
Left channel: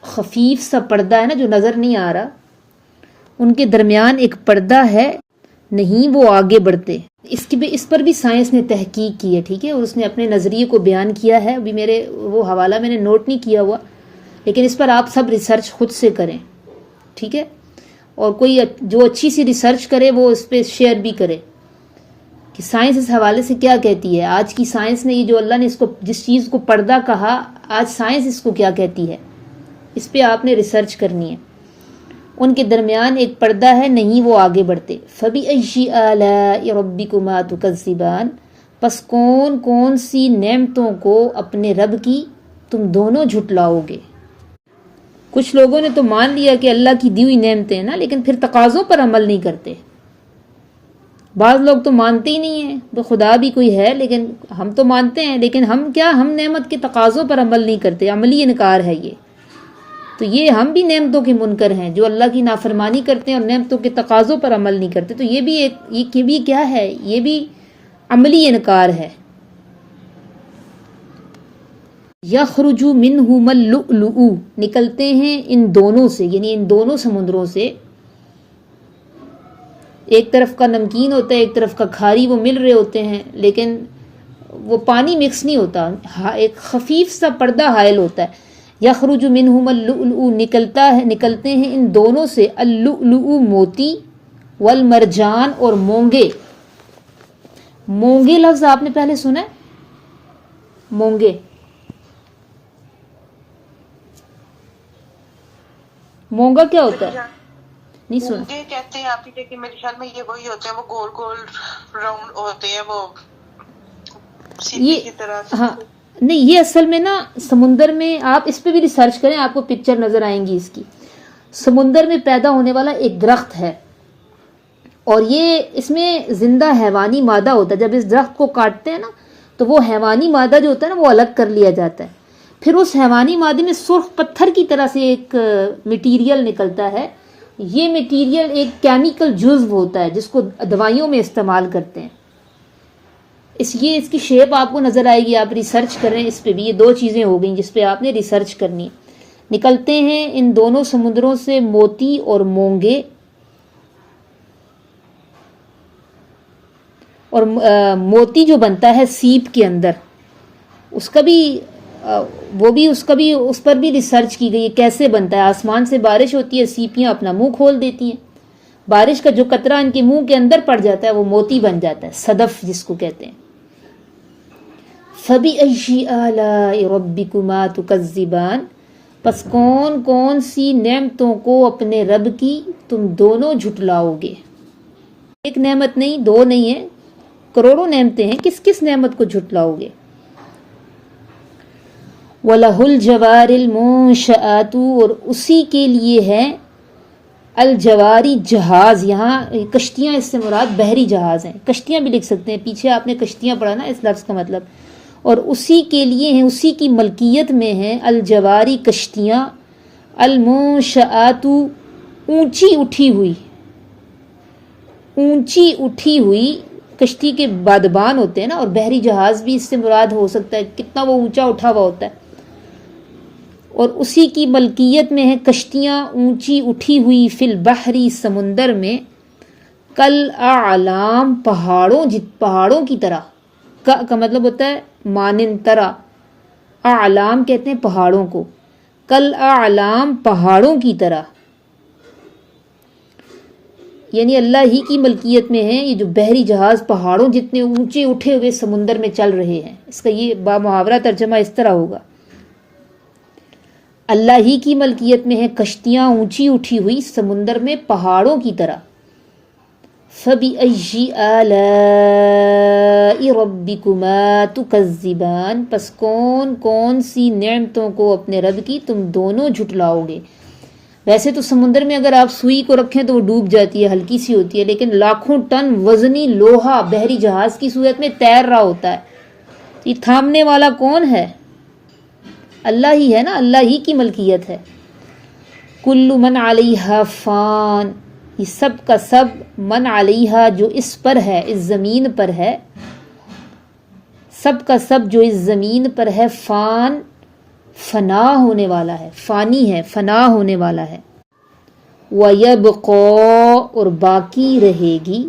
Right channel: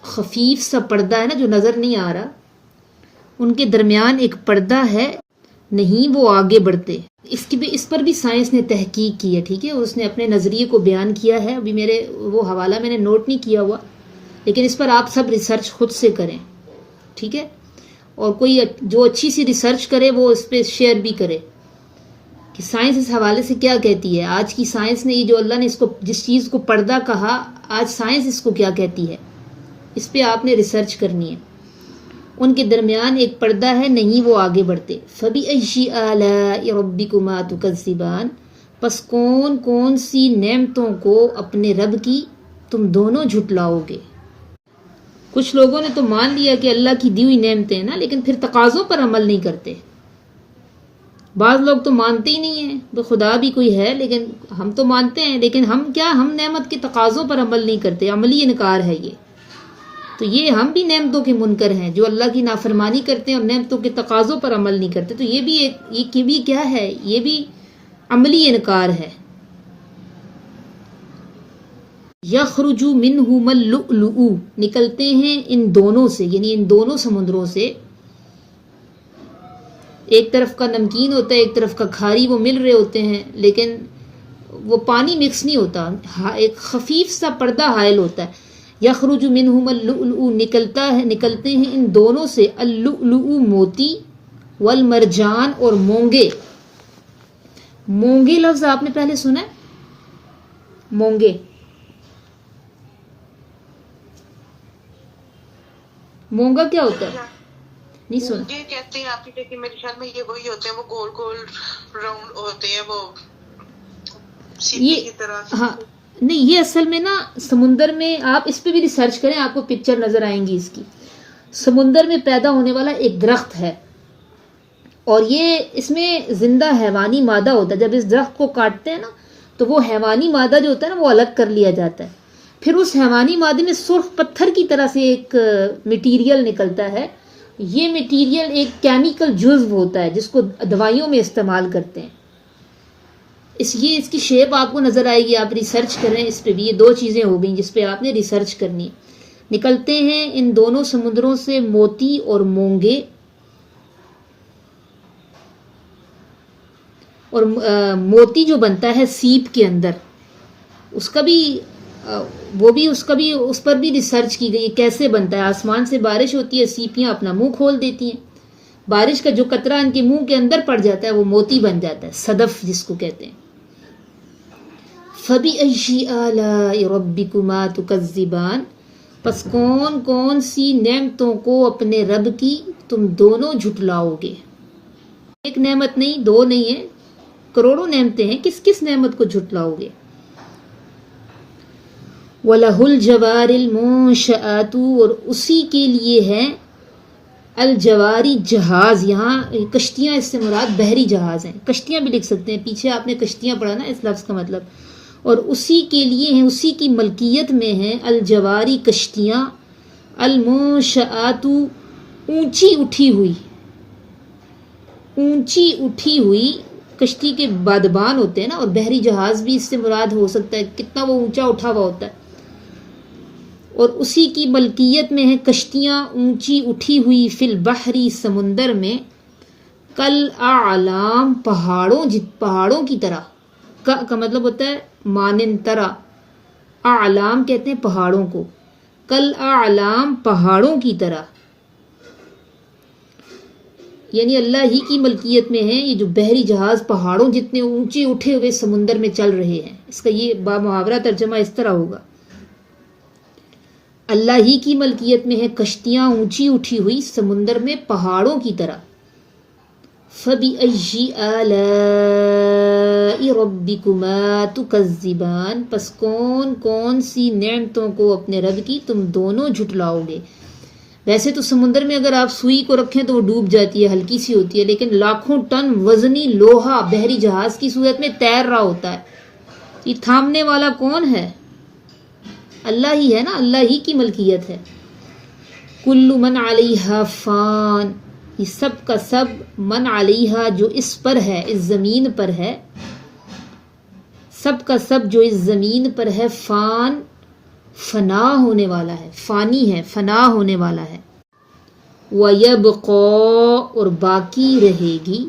خفیف سا پردہ ہے نا جو نظر نہیں آ رہا، ان کے درمیان ایک پردہ ہے، نہیں وہ آگے بڑھتے۔ اس پر بھی سائنس نے تحقیق کی ہے، ٹھیک ہے، اس نے اپنے نظریے کو بیان کیا ہے، ابھی میرے وہ حوالہ میں نے نوٹ نہیں کیا ہوا، لیکن اس پر آپ سب ریسرچ خود سے کریں، ٹھیک ہے، اور کوئی جو اچھی سی ریسرچ کرے وہ اس پہ شیئر بھی کرے کہ سائنس اس حوالے سے کیا کہتی ہے۔ آج کی سائنس نے یہ جو اللہ نے اس کو جس چیز کو پردہ کہا، آج سائنس اس کو کیا کہتی ہے، اس پہ آپ نے ریسرچ کرنی ہے۔ ان کے درمیان ایک پردہ ہے، نہیں وہ آگے بڑھتے۔ فَبِأَيِّ آلَاءِ رَبِّكُمَا تُكَذِّبَانِ، پس کون کون سی نعمتوں کو اپنے رب کی تم دونوں جھٹلاؤ گے۔ کچھ لوگوں نے تو مان لیا کہ اللہ کی دی ہوئی نعمتیں ہیں نا، لیکن پھر تقاضوں پر عمل نہیں کرتے۔ بعض لوگ تو مانتے ہی نہیں ہیں کہ خدا بھی کوئی ہے، لیکن ہم تو مانتے ہیں، لیکن ہم نعمت کے تقاضوں پر عمل نہیں کرتے، عملی انکار ہے یہ۔ تو یہ ہم بھی نعمتوں کے منکر ہیں جو اللہ کی نافرمانی کرتے ہیں اور نعمتوں کے تقاضوں پر عمل نہیں کرتے، تو یہ بھی کیا ہے، یہ بھی عملی انکار ہے۔ یخرج منہما اللؤلؤ، نکلتے ہیں ان دونوں سے، یعنی ان دونوں سمندروں سے، ایک طرف کا نمکین ہوتا ہے ایک طرف کا کھاری، وہ مل رہے ہوتے ہیں لیکن وہ پانی مکس نہیں ہوتا، ایک خفیف سا پردہ حائل ہوتا ہے۔ یخرج منہما اللؤلؤ، نکلتے ہیں ان دونوں سے، اللؤلؤ موتی، والمرجان اور مونگے۔ مونگے لفظ آپ نے پہلے سنا ہے؟ مونگے، مونگا کیا ہوتا ہے؟ نہیں سنا؟ یہ کہتے ہیں آپ کہ میرے خیال میں یہ وہی ہوتے ہیں، وہ گول گول راؤنڈ ہوتے ہیں، وہ سیپی کی طرح۔ ہاں نہیں، یہ اصل میں نا سمندر میں، آپ اس پہ بھی ریسرچ کریں، آپ کو پکچر نظر آئیں گی اس کی۔ سمندر میں پیدا ہونے والا ایک درخت ہے اور یہ اس میں زندہ حیوانی مادہ ہوتا ہے، جب اس درخت کو کاٹتے ہیں نا تو وہ حیوانی مادہ جو ہوتا ہے نا وہ الگ کر لیا جاتا ہے، پھر اس حیوانی مادے میں سرخ پتھر کی طرح سے ایک مٹیریل نکلتا ہے۔ یہ مٹیریل ایک کیمیکل جزو ہوتا ہے جس کو دوائیوں میں استعمال کرتے ہیں۔ اس کی شیپ آپ کو نظر آئے گی، آپ ریسرچ کریں اس پہ بھی۔ یہ دو چیزیں ہو گئیں جس پہ آپ نے ریسرچ کرنی۔ نکلتے ہیں ان دونوں سمندروں سے موتی اور مونگے، اور موتی جو بنتا ہے سیپ کے اندر، اس پر بھی ریسرچ کی گئی ہے کیسے بنتا ہے۔ آسمان سے بارش ہوتی ہے، سیپیاں اپنا منہ کھول دیتی ہیں، بارش کا جو قطرہ ان کے منہ کے اندر پڑ جاتا ہے وہ موتی بن جاتا ہے، صدف جس کو کہتے ہیں۔ فَبِأَيِّ آلَاءِ رَبِّكُمَا تُكَذِّبَانِ، پس کون کون سی نعمتوں کو اپنے رب کی تم دونوں جھٹلاؤ گے۔ ایک نعمت نہیں، دو نہیں ہیں، کروڑوں نعمتیں ہیں، کس کس نعمت کو جھٹلاؤ گے۔ وَلَهُ الْجَوَارِ الْمُنشَآتُ، اور اسی کے لیے ہے الجواری جہاز، یہاں کشتیاں اس سے مراد بحری جہاز ہیں، کشتیاں بھی لکھ سکتے ہیں، پیچھے آپ نے کشتیاں پڑھا نا اس لفظ کا مطلب، اور اسی کے لیے ہیں، اسی کی ملکیت میں ہیں الجواری کشتیاں، المنشآت اونچی اٹھی ہوئی کشتی کے بادبان ہوتے ہیں نا، اور بحری جہاز بھی اس سے مراد ہو سکتا ہے، کتنا وہ اونچا اٹھا ہوا ہوتا ہے، اور اسی کی ملکیت میں ہیں کشتیاں اونچی اٹھی ہوئی فی البحری سمندر میں، کل اعلام پہاڑوں کی طرح، کا مطلب ہوتا ہے مانند طرح، اعلام کہتے ہیں پہاڑوں کو، کل اعلام پہاڑوں کی طرح، یعنی اللہ ہی کی ملکیت میں ہیں یہ جو بحری جہاز پہاڑوں جتنے اونچے اٹھے ہوئے سمندر میں چل رہے ہیں۔ اس کا یہ بامحاورہ ترجمہ اس طرح ہوگا، اللہ ہی کی ملکیت میں ہے کشتیاں اونچی اٹھی ہوئی سمندر میں پہاڑوں کی طرح۔ فَبِأَيِّ آلَاءِ رَبِّكُمَا تُكَذِّبَانِ، پس کون سی نعمتوں کو اپنے رب کی تم دونوں جھٹلاؤ گے۔ ویسے تو سمندر میں اگر آپ سوئی کو رکھیں تو وہ ڈوب جاتی ہے، ہلکی سی ہوتی ہے، لیکن لاکھوں ٹن وزنی لوہا بحری جہاز کی صورت میں تیر رہا ہوتا ہے، یہ تھامنے والا کون ہے؟ اللہ ہی ہے نا، اللہ ہی کی ملکیت ہے۔ کل من علیہا فان، یہ سب کا سب من علیہا جو اس پر ہے، اس زمین پر ہے، سب کا سب جو اس زمین پر ہے، فان فنا ہونے والا ہے، فانی ہے، فنا ہونے والا ہے۔ وَيَبْقَى، اور باقی رہے گی،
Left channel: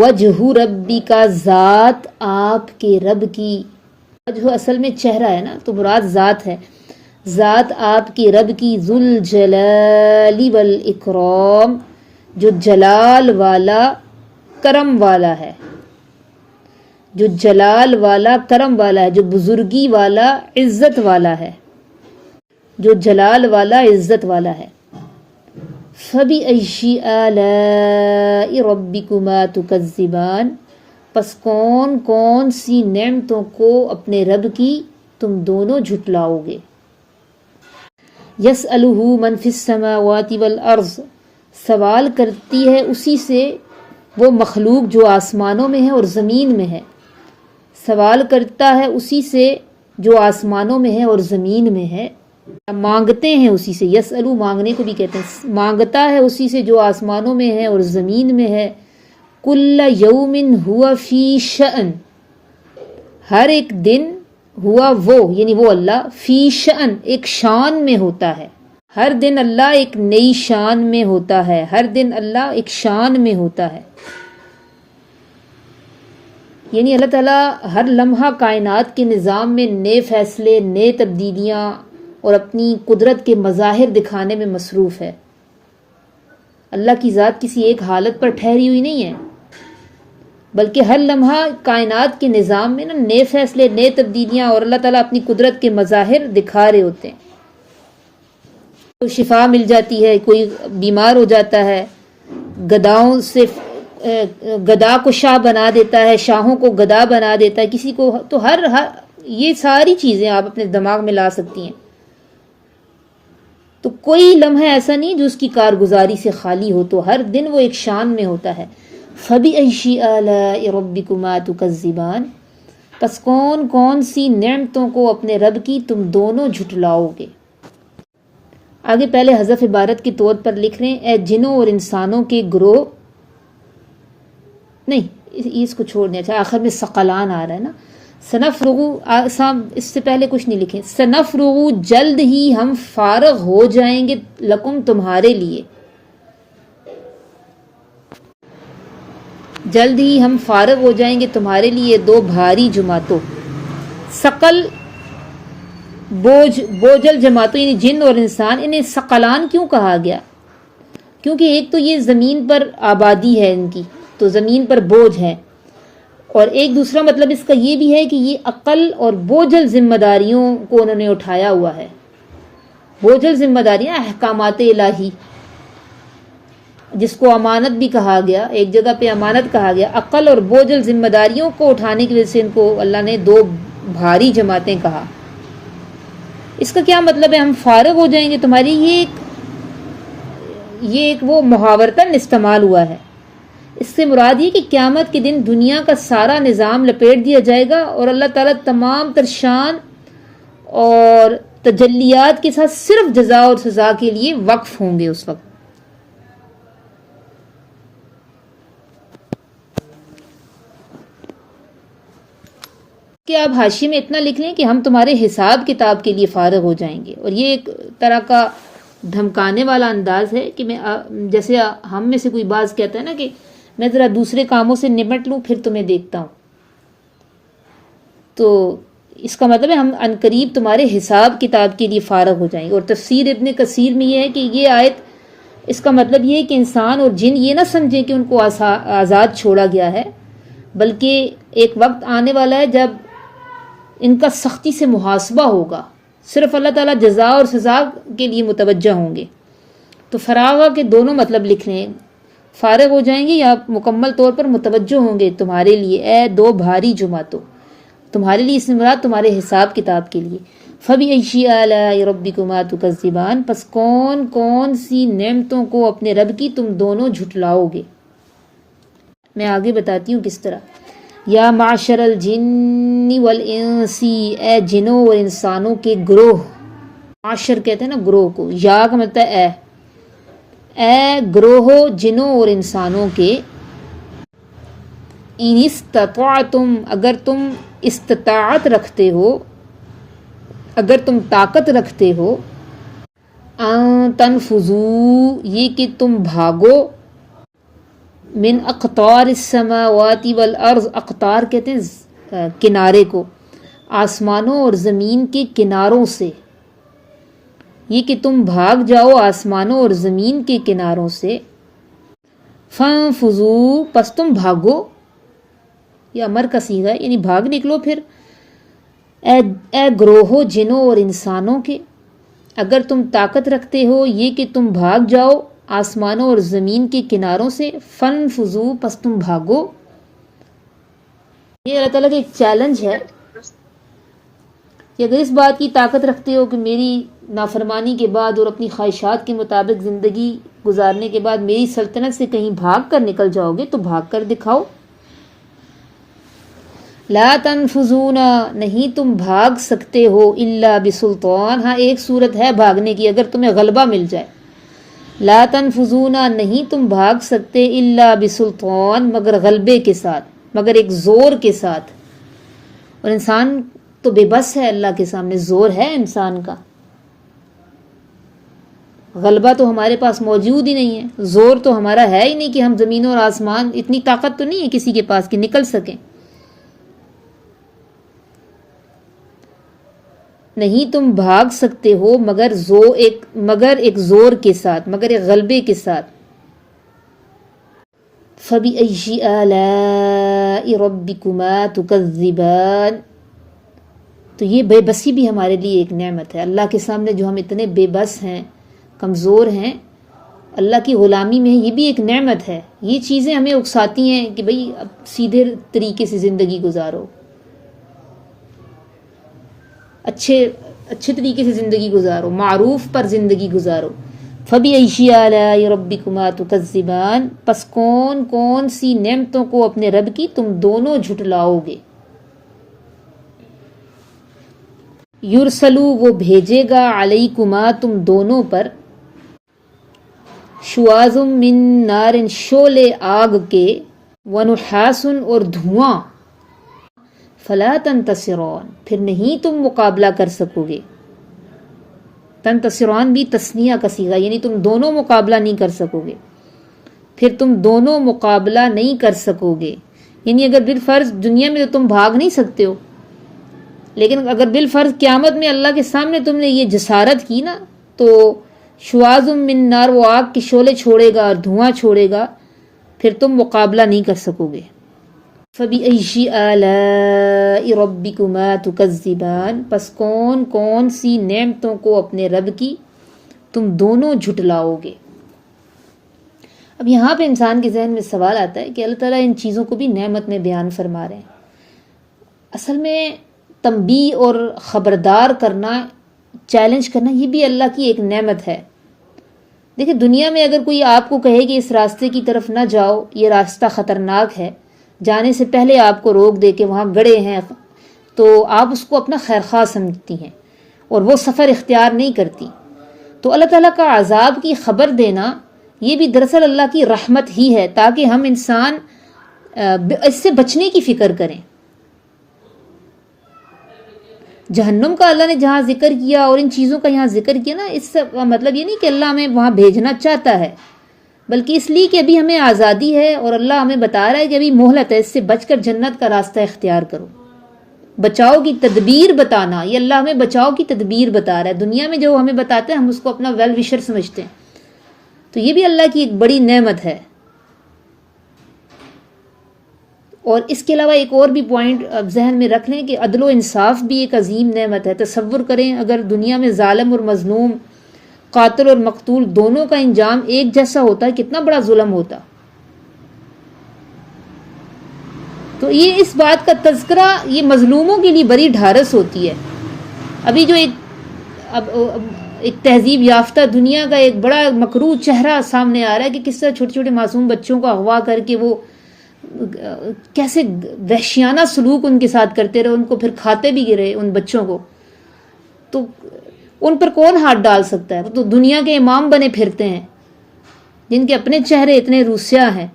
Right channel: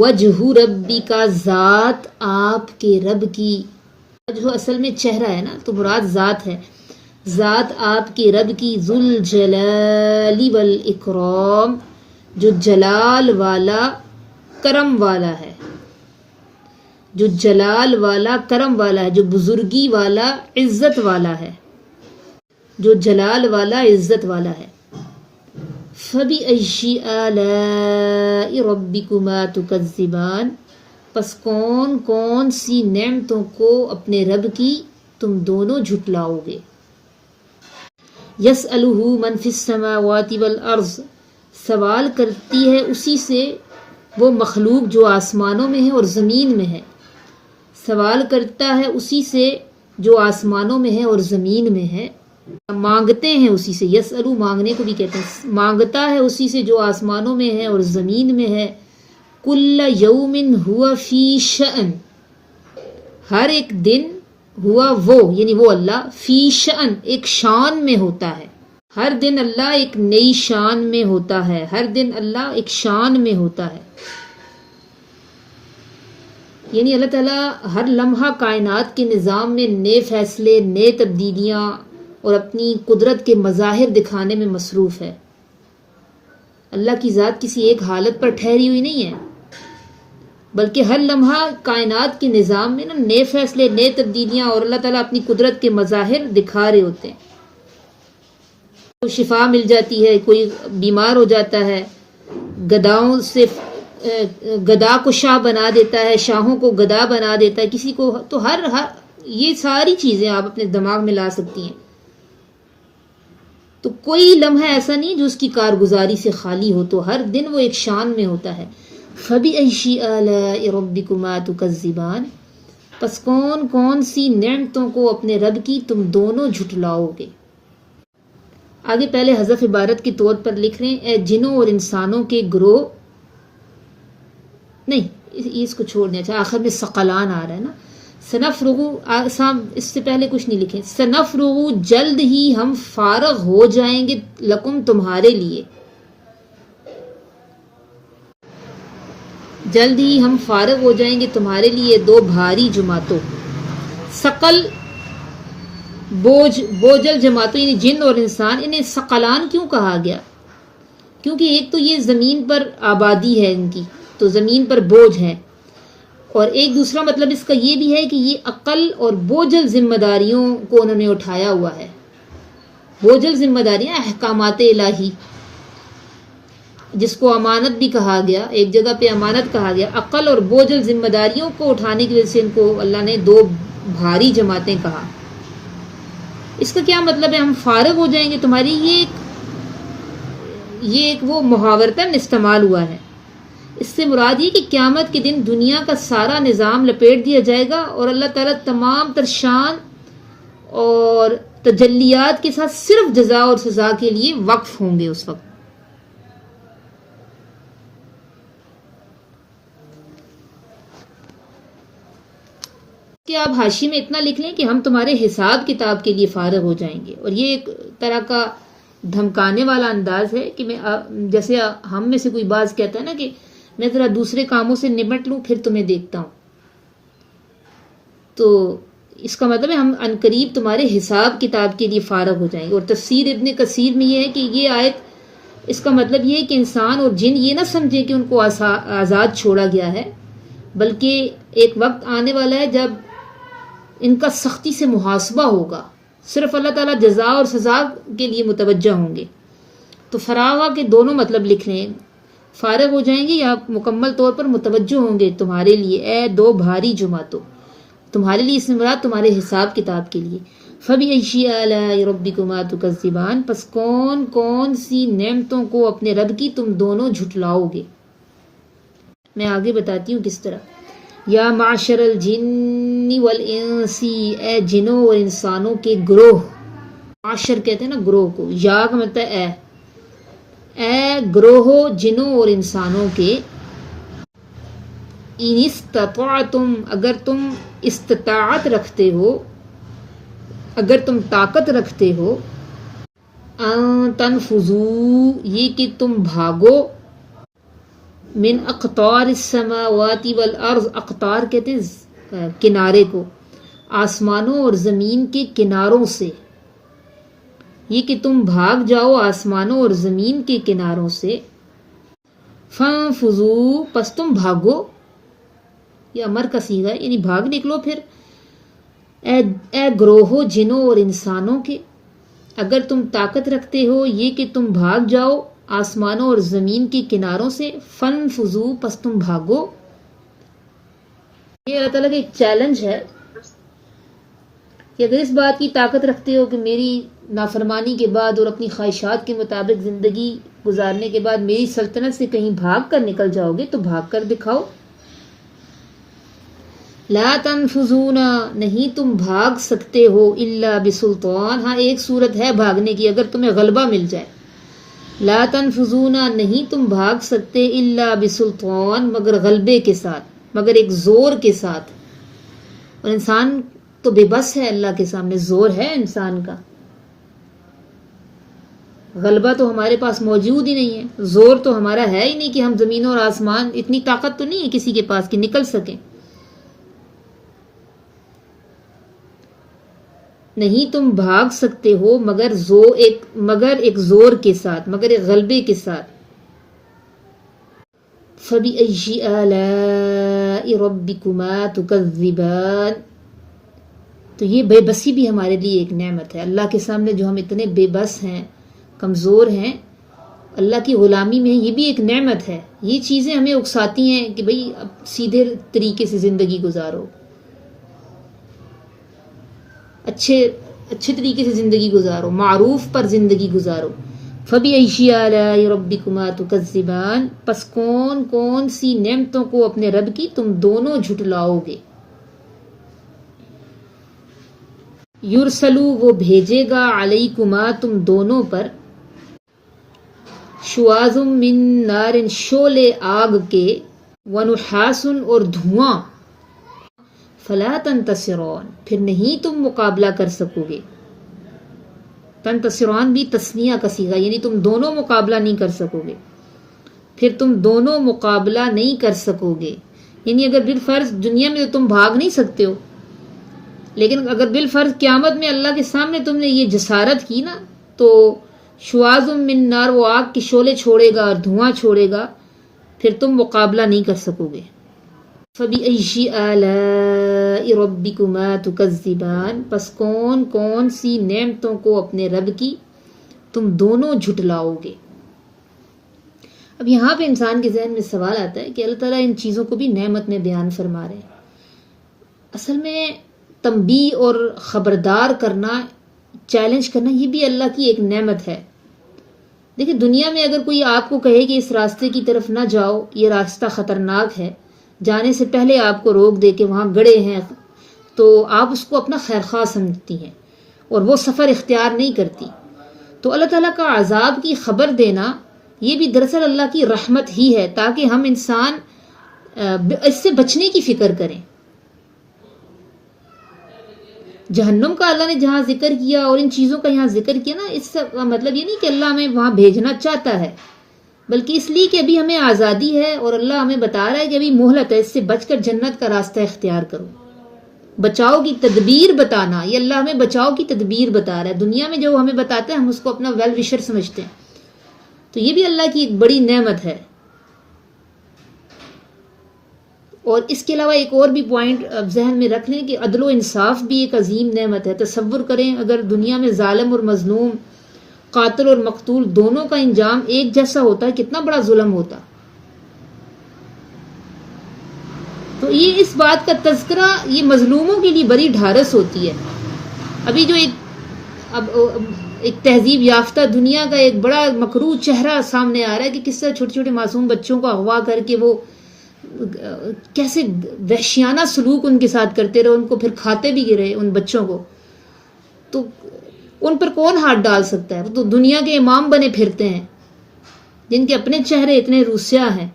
وجہ ربی کا، ذات آپ کے رب کی، وجہ اصل میں چہرہ ہے نا، تو مراد ذات ہے، ذات آپ کے رب کی، ذو الجلال والاکرام، جو جلال والا کرم والا ہے، جو جلال والا کرم والا ہے، جو بزرگی والا عزت والا ہے، جو جلال والا عزت والا ہے۔ فَبِأَيِّ آلَاءِ رَبِّكُمَا تُكَذِّبَانِ، پس کون سی نعمتوں کو اپنے رب کی تم دونوں جھٹلاؤ گے۔ يَسْأَلُهُ مَنْ فِي السَّمَاوَاتِ وَالْأَرْضِ، سوال کرتی ہے اسی سے وہ مخلوق جو آسمانوں میں ہے اور زمین میں ہے، سوال کرتا ہے اسی سے جو آسمانوں میں ہے اور زمین میں ہے، مانگتے ہیں اسی سے، یسألو مانگنے کو بھی کہتے ہیں، مانگتا ہے اسی سے جو آسمانوں میں ہے اور زمین میں ہے، کل یوم ہوا فی شأن، ہر ایک دن، ہوا وہ یعنی وہ اللہ، فی شأن ایک شان میں ہوتا ہے، ہر دن اللہ ایک نئی شان میں ہوتا ہے، ہر دن اللہ ایک شان میں ہوتا ہے، یعنی اللہ تعالیٰ ہر لمحہ کائنات کے نظام میں نئے فیصلے، نئے تبدیلیاں اور اپنی قدرت کے مظاہر دکھانے میں مصروف ہے۔ اللہ کی ذات کسی ایک حالت پر ٹھہری ہوئی نہیں ہے، بلکہ ہر لمحہ کائنات کے نظام میں نئے فیصلے، نئے تبدیلیاں، اور اللہ تعالیٰ اپنی قدرت کے مظاہر دکھا رہے ہوتے ہیں۔ کوئی شفا مل جاتی ہے، کوئی بیمار ہو جاتا ہے، گداؤں سے گدا کو شاہ بنا دیتا ہے، شاہوں کو گدا بنا دیتا ہے، کسی کو تو ہر یہ ساری چیزیں آپ اپنے دماغ میں لا سکتی ہیں، تو کوئی لمحہ ایسا نہیں جو اس کی کارگزاری سے خالی ہو، تو ہر دن وہ ایک شان میں ہوتا ہے۔ فَبِأَيِّ آلَاءِ رَبِّكُمَا تُكَذِّبَانِ، پس کون سی نعمتوں کو اپنے رب کی تم دونوں جھٹلاؤ گے۔ آگے پہلے حذف عبارت کے طور پر لکھ رہے ہیں، اے جنوں اور انسانوں کے گروہ، نہیں اس کو چھوڑ دیں، اچھا آخر میں ثقلان آ رہا ہے نا، سنفرغ، اس سے پہلے کچھ نہیں لکھیں، سنفرغ جلد ہی ہم فارغ ہو جائیں گے، لکم تمہارے لیے، جلد ہی ہم فارغ ہو جائیں گے تمہارے لیے دو بھاری جماعتوں، ثقل بوجھل جماعتوں یعنی جن اور انسان، انہیں ثقلان کیوں کہا گیا؟ کیونکہ ایک تو یہ زمین پر آبادی ہے ان کی، تو زمین پر بوجھ ہے، اور ایک دوسرا مطلب اس کا یہ بھی ہے کہ یہ عقل اور بوجھل ذمہ داریوں کو انہوں نے اٹھایا ہوا ہے، بوجھل ذمہ داریاں احکامات الہی، جس کو امانت بھی کہا گیا، ایک جگہ پہ امانت کہا گیا، عقل اور بوجھل ذمہ داریوں کو اٹھانے کی وجہ سے ان کو اللہ نے دو بھاری جماعتیں کہا۔ اس کا کیا مطلب ہے ہم فارغ ہو جائیں گے تمہاری؟ یہ ایک وہ محاورتاً استعمال ہوا ہے. اس سے مراد یہ کہ قیامت کے دن دنیا کا سارا نظام لپیٹ دیا جائے گا اور اللہ تعالیٰ تمام تر شان اور تجلیات کے ساتھ صرف جزا اور سزا کے لیے وقف ہوں گے اس وقت. کہ آپ حاشی میں اتنا لکھ لیں کہ ہم تمہارے حساب کتاب کے لیے فارغ ہو جائیں گے. اور یہ ایک طرح کا دھمکانے والا انداز ہے کہ میں جیسے ہم میں سے کوئی باز کہتا ہے نا کہ میں ذرا دوسرے کاموں سے نمٹ لوں پھر تمہیں دیکھتا ہوں. تو اس کا مطلب ہے ہم عنقریب تمہارے حساب کتاب کے لیے فارغ ہو جائیں گے. اور تفسیر ابن کثیر میں یہ ہے کہ یہ آیت اس کا مطلب یہ ہے کہ انسان اور جن یہ نہ سمجھیں کہ ان کو آزاد چھوڑا گیا ہے، بلکہ ایک وقت آنے والا ہے جب ان کا سختی سے محاسبہ ہوگا. صرف اللہ تعالیٰ جزا اور سزا کے لیے متوجہ ہوں گے. تو فراغ کے دونوں مطلب لکھ لیں، فارغ ہو جائیں گے یا مکمل طور پر متوجہ ہوں گے تمہارے لیے اے دو بھاری جماعتوں. تمہارے لیے اس میں مراد تمہارے حساب کتاب کے لیے. فَبِأَيِّ آلَاءِ رَبِّكُمَا تُكَذِّبَانِ، پس کون کون سی نعمتوں کو اپنے رب کی تم دونوں جھٹلاؤ گے. میں آگے بتاتی ہوں کس طرح. یا معشر الجن والانس، اے جنوں اور انسانوں کے گروہ. معشر کہتے ہیں نا گروہ کو، یا کا مطلب اے گروہ جنوں اور انسانوں کے. ان استطعتم، اگر تم استطاعت رکھتے ہو، اگر تم طاقت رکھتے ہو، ان تنفذوا، یہ کہ تم بھاگو، من اقطار السماوات والارض، اقطار کہتے ہیں کنارے کو، آسمانوں اور زمین کے کناروں سے. یہ کہ تم بھاگ جاؤ آسمانوں اور زمین کے کناروں سے. فانفذوا، پس تم بھاگو، یہ امر کا صیغہ ہے یعنی بھاگ نکلو. پھر اے گروہ جنوں اور انسانوں کے، اگر تم طاقت رکھتے ہو یہ کہ تم بھاگ جاؤ آسمانوں اور زمین کے کناروں سے. فانفذوا، پس تم بھاگو. یہ اللہ تعالیٰ کا ایک چیلنج ہے کہ اگر اس بات کی طاقت رکھتے ہو کہ میری نافرمانی کے بعد اور اپنی خواہشات کے مطابق زندگی گزارنے کے بعد میری سلطنت سے کہیں بھاگ کر نکل جاؤ گے تو بھاگ کر دکھاؤ. لا تنفذون، نہیں تم بھاگ سکتے ہو، الا بسلطان، ہاں ایک صورت ہے بھاگنے کی اگر تمہیں غلبہ مل جائے. لا تنفذون، نہیں تم بھاگ سکتے، الا بسلطان، مگر غلبے کے ساتھ، مگر ایک زور کے ساتھ. اور انسان تو بے بس ہے اللہ کے سامنے، زور ہے انسان کا، غلبہ تو ہمارے پاس موجود ہی نہیں ہے، زور تو ہمارا ہے ہی نہیں کہ ہم زمین اور آسمان، اتنی طاقت تو نہیں ہے کسی کے پاس کہ نکل سکیں. نہیں تم بھاگ سکتے ہو مگر ایک زور کے ساتھ، مگر ایک غلبے کے ساتھ. فَبِأَيِّ آلَاءِ رَبِّكُمَا تُكَذِّبَانِ، تو یہ بے بسی بھی ہمارے لیے ایک نعمت ہے. اللہ کے سامنے جو ہم اتنے بے بس ہیں، کمزور ہیں، اللہ کی غلامی میں یہ بھی ایک نعمت ہے. یہ چیزیں ہمیں اکساتی ہیں کہ بھئی اب سیدھے طریقے سے زندگی گزارو، اچھے طریقے سے زندگی گزارو، معروف پر زندگی گزارو. فَبِأَيِّ آلَاءِ رَبِّكُمَا تُكَذِّبَانِ، پس کون کون سی نعمتوں کو اپنے رب کی تم دونوں جھٹلاؤ گے. یرسلو، وہ بھیجے گا، علیکما، تم دونوں پر، شواظ من نار، شعلے آگ کے، ونحاس، اور دھواں، فلا تنتصرون، پھر نہیں تم مقابلہ کر سکو گے. تنتصرون بھی تثنیہ کا صیغہ، یعنی تم دونوں مقابلہ نہیں کر سکو گے. پھر تم دونوں مقابلہ نہیں کر سکو گے، یعنی اگر بالفرض دنیا میں تو تم بھاگ نہیں سکتے ہو، لیکن اگر بالفرض قیامت میں اللہ کے سامنے تم نے یہ جسارت کی نا، تو شواظ من نار، وہ آگ کے شعلے چھوڑے گا اور دھواں چھوڑے گا، پھر تم مقابلہ نہیں کر سکو گے. فَبِأَيِّ آلَاءِ رَبِّكُمَا تُكَذِّبَانِ، پس کون کون سی نعمتوں کو اپنے رب کی تم دونوں جھٹلاؤ گے. اب یہاں پہ انسان کے ذہن میں سوال آتا ہے کہ اللہ تعالیٰ ان چیزوں کو بھی نعمت میں بیان فرما رہے ہیں. اصل میں تنبیہ اور خبردار کرنا چیلنج کرنا یہ بھی اللہ کی ایک نعمت ہے. دیکھیں دنیا میں اگر کوئی آپ کو کہے کہ اس راستے کی طرف نہ جاؤ، یہ راستہ خطرناک ہے، جانے سے پہلے آپ کو روک دے کہ وہاں گڑھے ہیں، تو آپ اس کو اپنا خیرخواہ سمجھتی ہیں اور وہ سفر اختیار نہیں کرتی. تو اللہ تعالیٰ کا عذاب کی خبر دینا یہ بھی دراصل اللہ کی رحمت ہی ہے، تاکہ ہم انسان اس سے بچنے کی فکر کریں. جہنم کا اللہ نے جہاں ذکر کیا اور ان چیزوں کا یہاں ذکر کیا نا، اس کا مطلب یہ نہیں کہ اللہ ہمیں وہاں بھیجنا چاہتا ہے، بلکہ اس لیے کہ ابھی ہمیں آزادی ہے اور اللہ ہمیں بتا رہا ہے کہ ابھی مہلت ہے، اس سے بچ کر جنت کا راستہ اختیار کرو. بچاؤ کی تدبیر بتانا، یہ اللہ ہمیں بچاؤ کی تدبیر بتا رہا ہے. دنیا میں جو ہمیں بتاتا ہے ہم اس کو اپنا ویل وشر سمجھتے ہیں، تو یہ بھی اللہ کی ایک بڑی نعمت ہے. اور اس کے علاوہ ایک اور بھی پوائنٹ ذہن میں رکھ لیں کہ عدل و انصاف بھی ایک عظیم نعمت ہے. تصور کریں اگر دنیا میں ظالم اور مظلوم، قاتل اور مقتول دونوں کا انجام ایک جیسا ہوتا ہے، کتنا بڑا ظلم ہوتا. تو یہ اس بات کا تذکرہ یہ مظلوموں کے لیے بڑی ڈھارس ہوتی ہے. ابھی جو ایک تہذیب یافتہ دنیا کا ایک بڑا مکروہ چہرہ سامنے آ رہا ہے کہ کس طرح چھوٹے چھوٹے معصوم بچوں کو اغوا کر کے وہ کیسے وحشیانہ سلوک ان کے ساتھ کرتے رہے، ان کو پھر کھاتے بھی رہے ان بچوں کو. تو ان پر کون ہاتھ ڈال سکتا ہے؟ وہ تو دنیا کے امام بنے پھرتے ہیں جن کے اپنے چہرے اتنے روسیہ ہیں.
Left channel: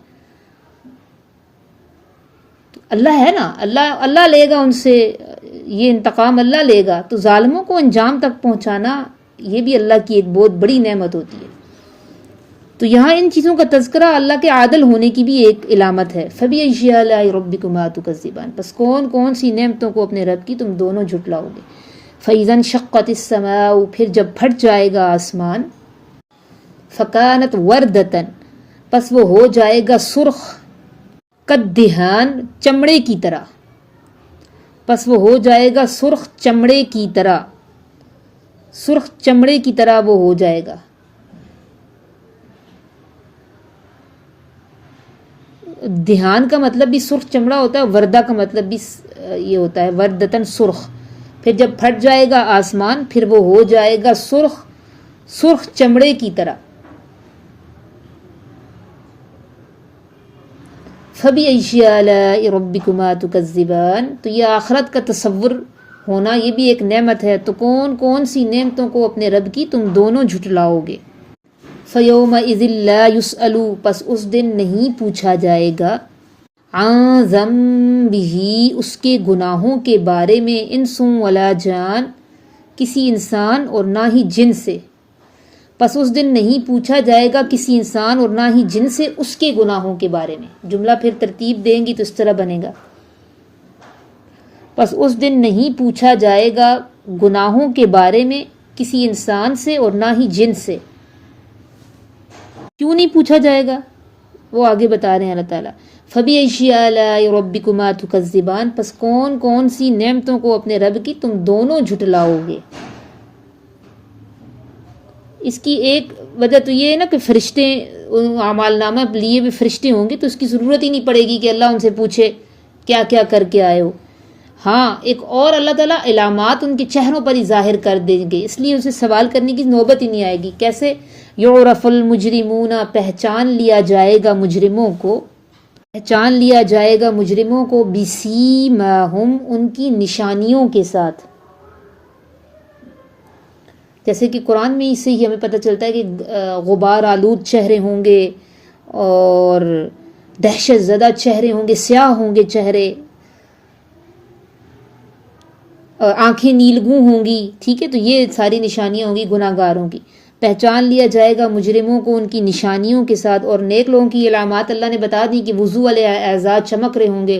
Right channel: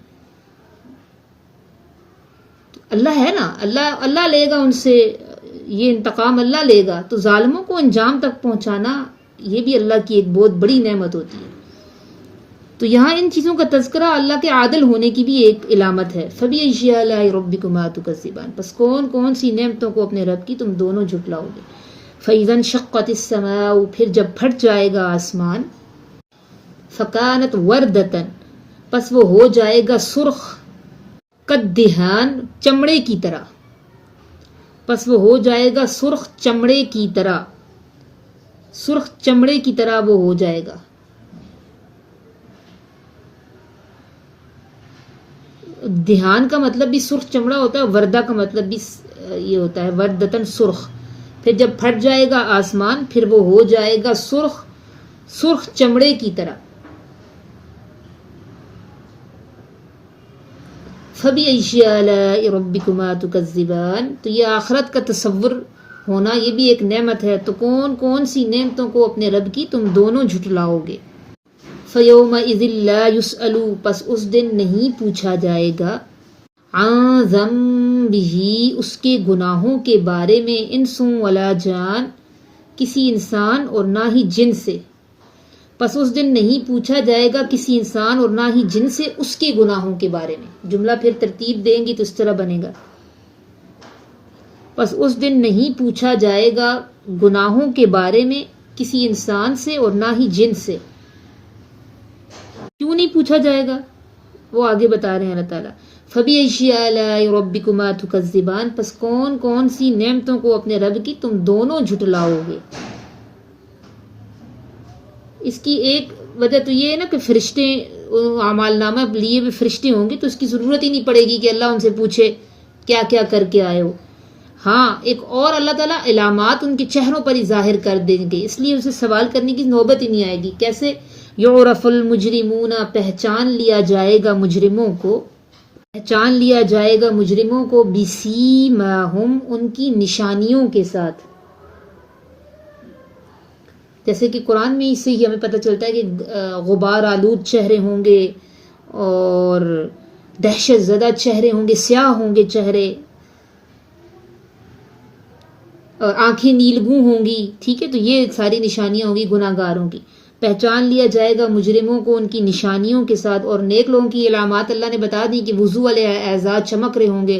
اللہ ہے نا، اللہ لے گا ان سے، یہ انتقام اللہ لے گا. تو ظالموں کو انجام تک پہنچانا یہ بھی اللہ کی ایک بہت بڑی نعمت ہوتی ہے. تو یہاں ان چیزوں کا تذکرہ اللہ کے عادل ہونے کی بھی ایک علامت ہے. فَبِأَيِّ آلَاءِ رَبِّكُمَا تُكَذِّبَانِ، پس کون کون سی نعمتوں کو اپنے رب کی تم دونوں جھٹلاؤ گے. فَإِذَا انشَقَّتِ السَّمَاءُ، پھر جب پھٹ جائے گا آسمان. فَكَانَتْ وَرْدَةً، پس وہ ہو جائے گا سرخ. کَالدِّہَان، چمڑے کی طرح. پس وہ ہو جائے گا سرخ چمڑے کی طرح، سرخ چمڑے کی طرح وہ ہو جائے گا. دھیان کا مطلب بھی سرخ چمڑا ہوتا ہے، وردہ کا مطلب بھی یہ ہوتا ہے وردتن سرخ. پھر جب پھٹ جائے گا آسمان پھر وہ ہو جائے گا سرخ چمڑے کی طرح. فَبِأَيِّ آلَاءِ رَبِّكُمَا تُكَذِّبَانِ، تو یہ آخرت کا تصور ہونا یہ بھی ایک نعمت ہے. تو کون کون سی نعمتوں کو اپنے رب کی تم دونوں جھٹلاؤ گے. فَيَوْمَئِذٍ لَا يُسْأَلُ، پس اس دن نہیں پوچھا جائے گا. عَن ذَنبِهِ، اس کے گناہوں کے بارے میں. انس ولا جان، کسی انسان اور نہ ہی جن سے. پس اس دن نہیں پوچھا جائے گا کسی انسان اور نہ ہی جن سے اس کے گناہوں کے بارے میں. جملہ پھر ترتیب دیں گی تو اس طرح بنے گا. پس اس دن نہیں پوچھا جائے گا گناہوں کے بارے میں کسی انسان سے اور نہ ہی جن سے. کیوں نہیں پوچھا جائے گا وہ آگے بتا رہے ہیں اللہ تعالیٰ. فَبِأَيِّ آلَاءِ رَبِّكُمَا تُكَذِّبَانِ، پس کون کون سی نعمتوں کو اپنے رب کی تم دونوں جھٹلاؤ گے. اس کی ایک وجہ تو یہ ہے نا کہ فرشتے اعمال نامہ لیے ہوئے فرشتے ہوں گے تو اس کی ضرورت ہی نہیں پڑے گی کہ اللہ ان سے پوچھے کیا کیا کر کے آئے ہو. ہاں ایک اور اللہ تعالیٰ علامات ان کے چہروں پر ہی ظاہر کر دیں گے، اس لیے اسے سوال کرنے کی نوبت ہی نہیں آئے گی. کیسے؟ یعرف المجرمون، پہچان لیا جائے گا مجرموں کو، پہچان لیا جائے گا مجرموں کو. بسیماہم، ان کی نشانیوں کے ساتھ. جیسے کہ قرآن میں اس سے ہی ہمیں پتہ چلتا ہے کہ غبار آلود چہرے ہوں گے اور دہشت زدہ چہرے ہوں گے، سیاہ ہوں گے چہرے، آنکھیں نیلگوں ہوں گی. ٹھیک ہے، تو یہ ساری نشانیاں ہوں گی گناہ گاروں کی. پہچان لیا جائے گا مجرموں کو ان کی نشانیوں کے ساتھ. اور نیک لوگوں کی علامات اللہ نے بتا دی کہ وضو والے اعزاز چمک رہے ہوں گے.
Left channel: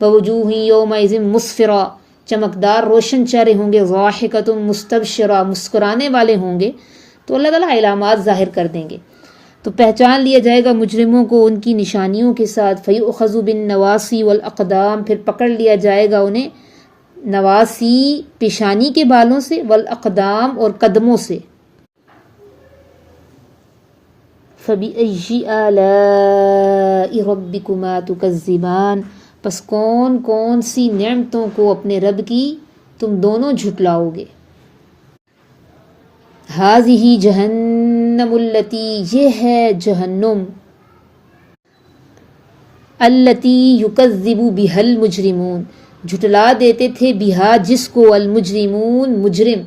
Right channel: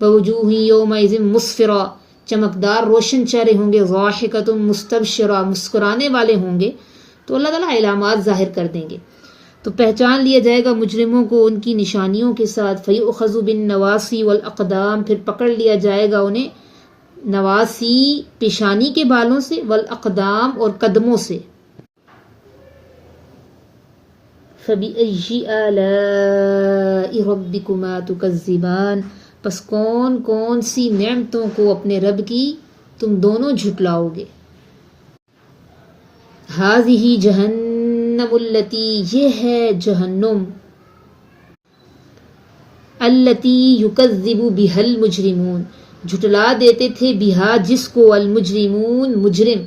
وَوُجُوهٌ يَوْمَئِذٍ مُسْفِرَةٌ، چمکدار روشن چہرے ہوں گے. ضَاحِكَةٌ مُسْتَبْشِرَةٌ، مسکرانے والے ہوں گے. تو اللہ تعالیٰ علامات ظاہر کر دیں گے. تو پہچان لیا جائے گا مجرموں کو ان کی نشانیوں کے ساتھ. فَيُؤْخَذُ بِالنَّوَاصِي وَالْأَقْدَامِ، پھر پکڑ لیا جائے گا انہیں نواسی پیشانی کے بالوں سے، والاقدام اور قدموں سے. فَبِأَيِّ آلَاءِ رَبِّكُمَا تُكَذِّبَانِ، پس کون کون سی نعمتوں کو اپنے رب کی تم دونوں جھٹلاؤ گے. ہاذہ جہنم التی، یہ ہے جہنم، التی یکذب بہا المجرمون، جھٹلا دیتے تھے، بہا جس کو، المجرمون مجرم،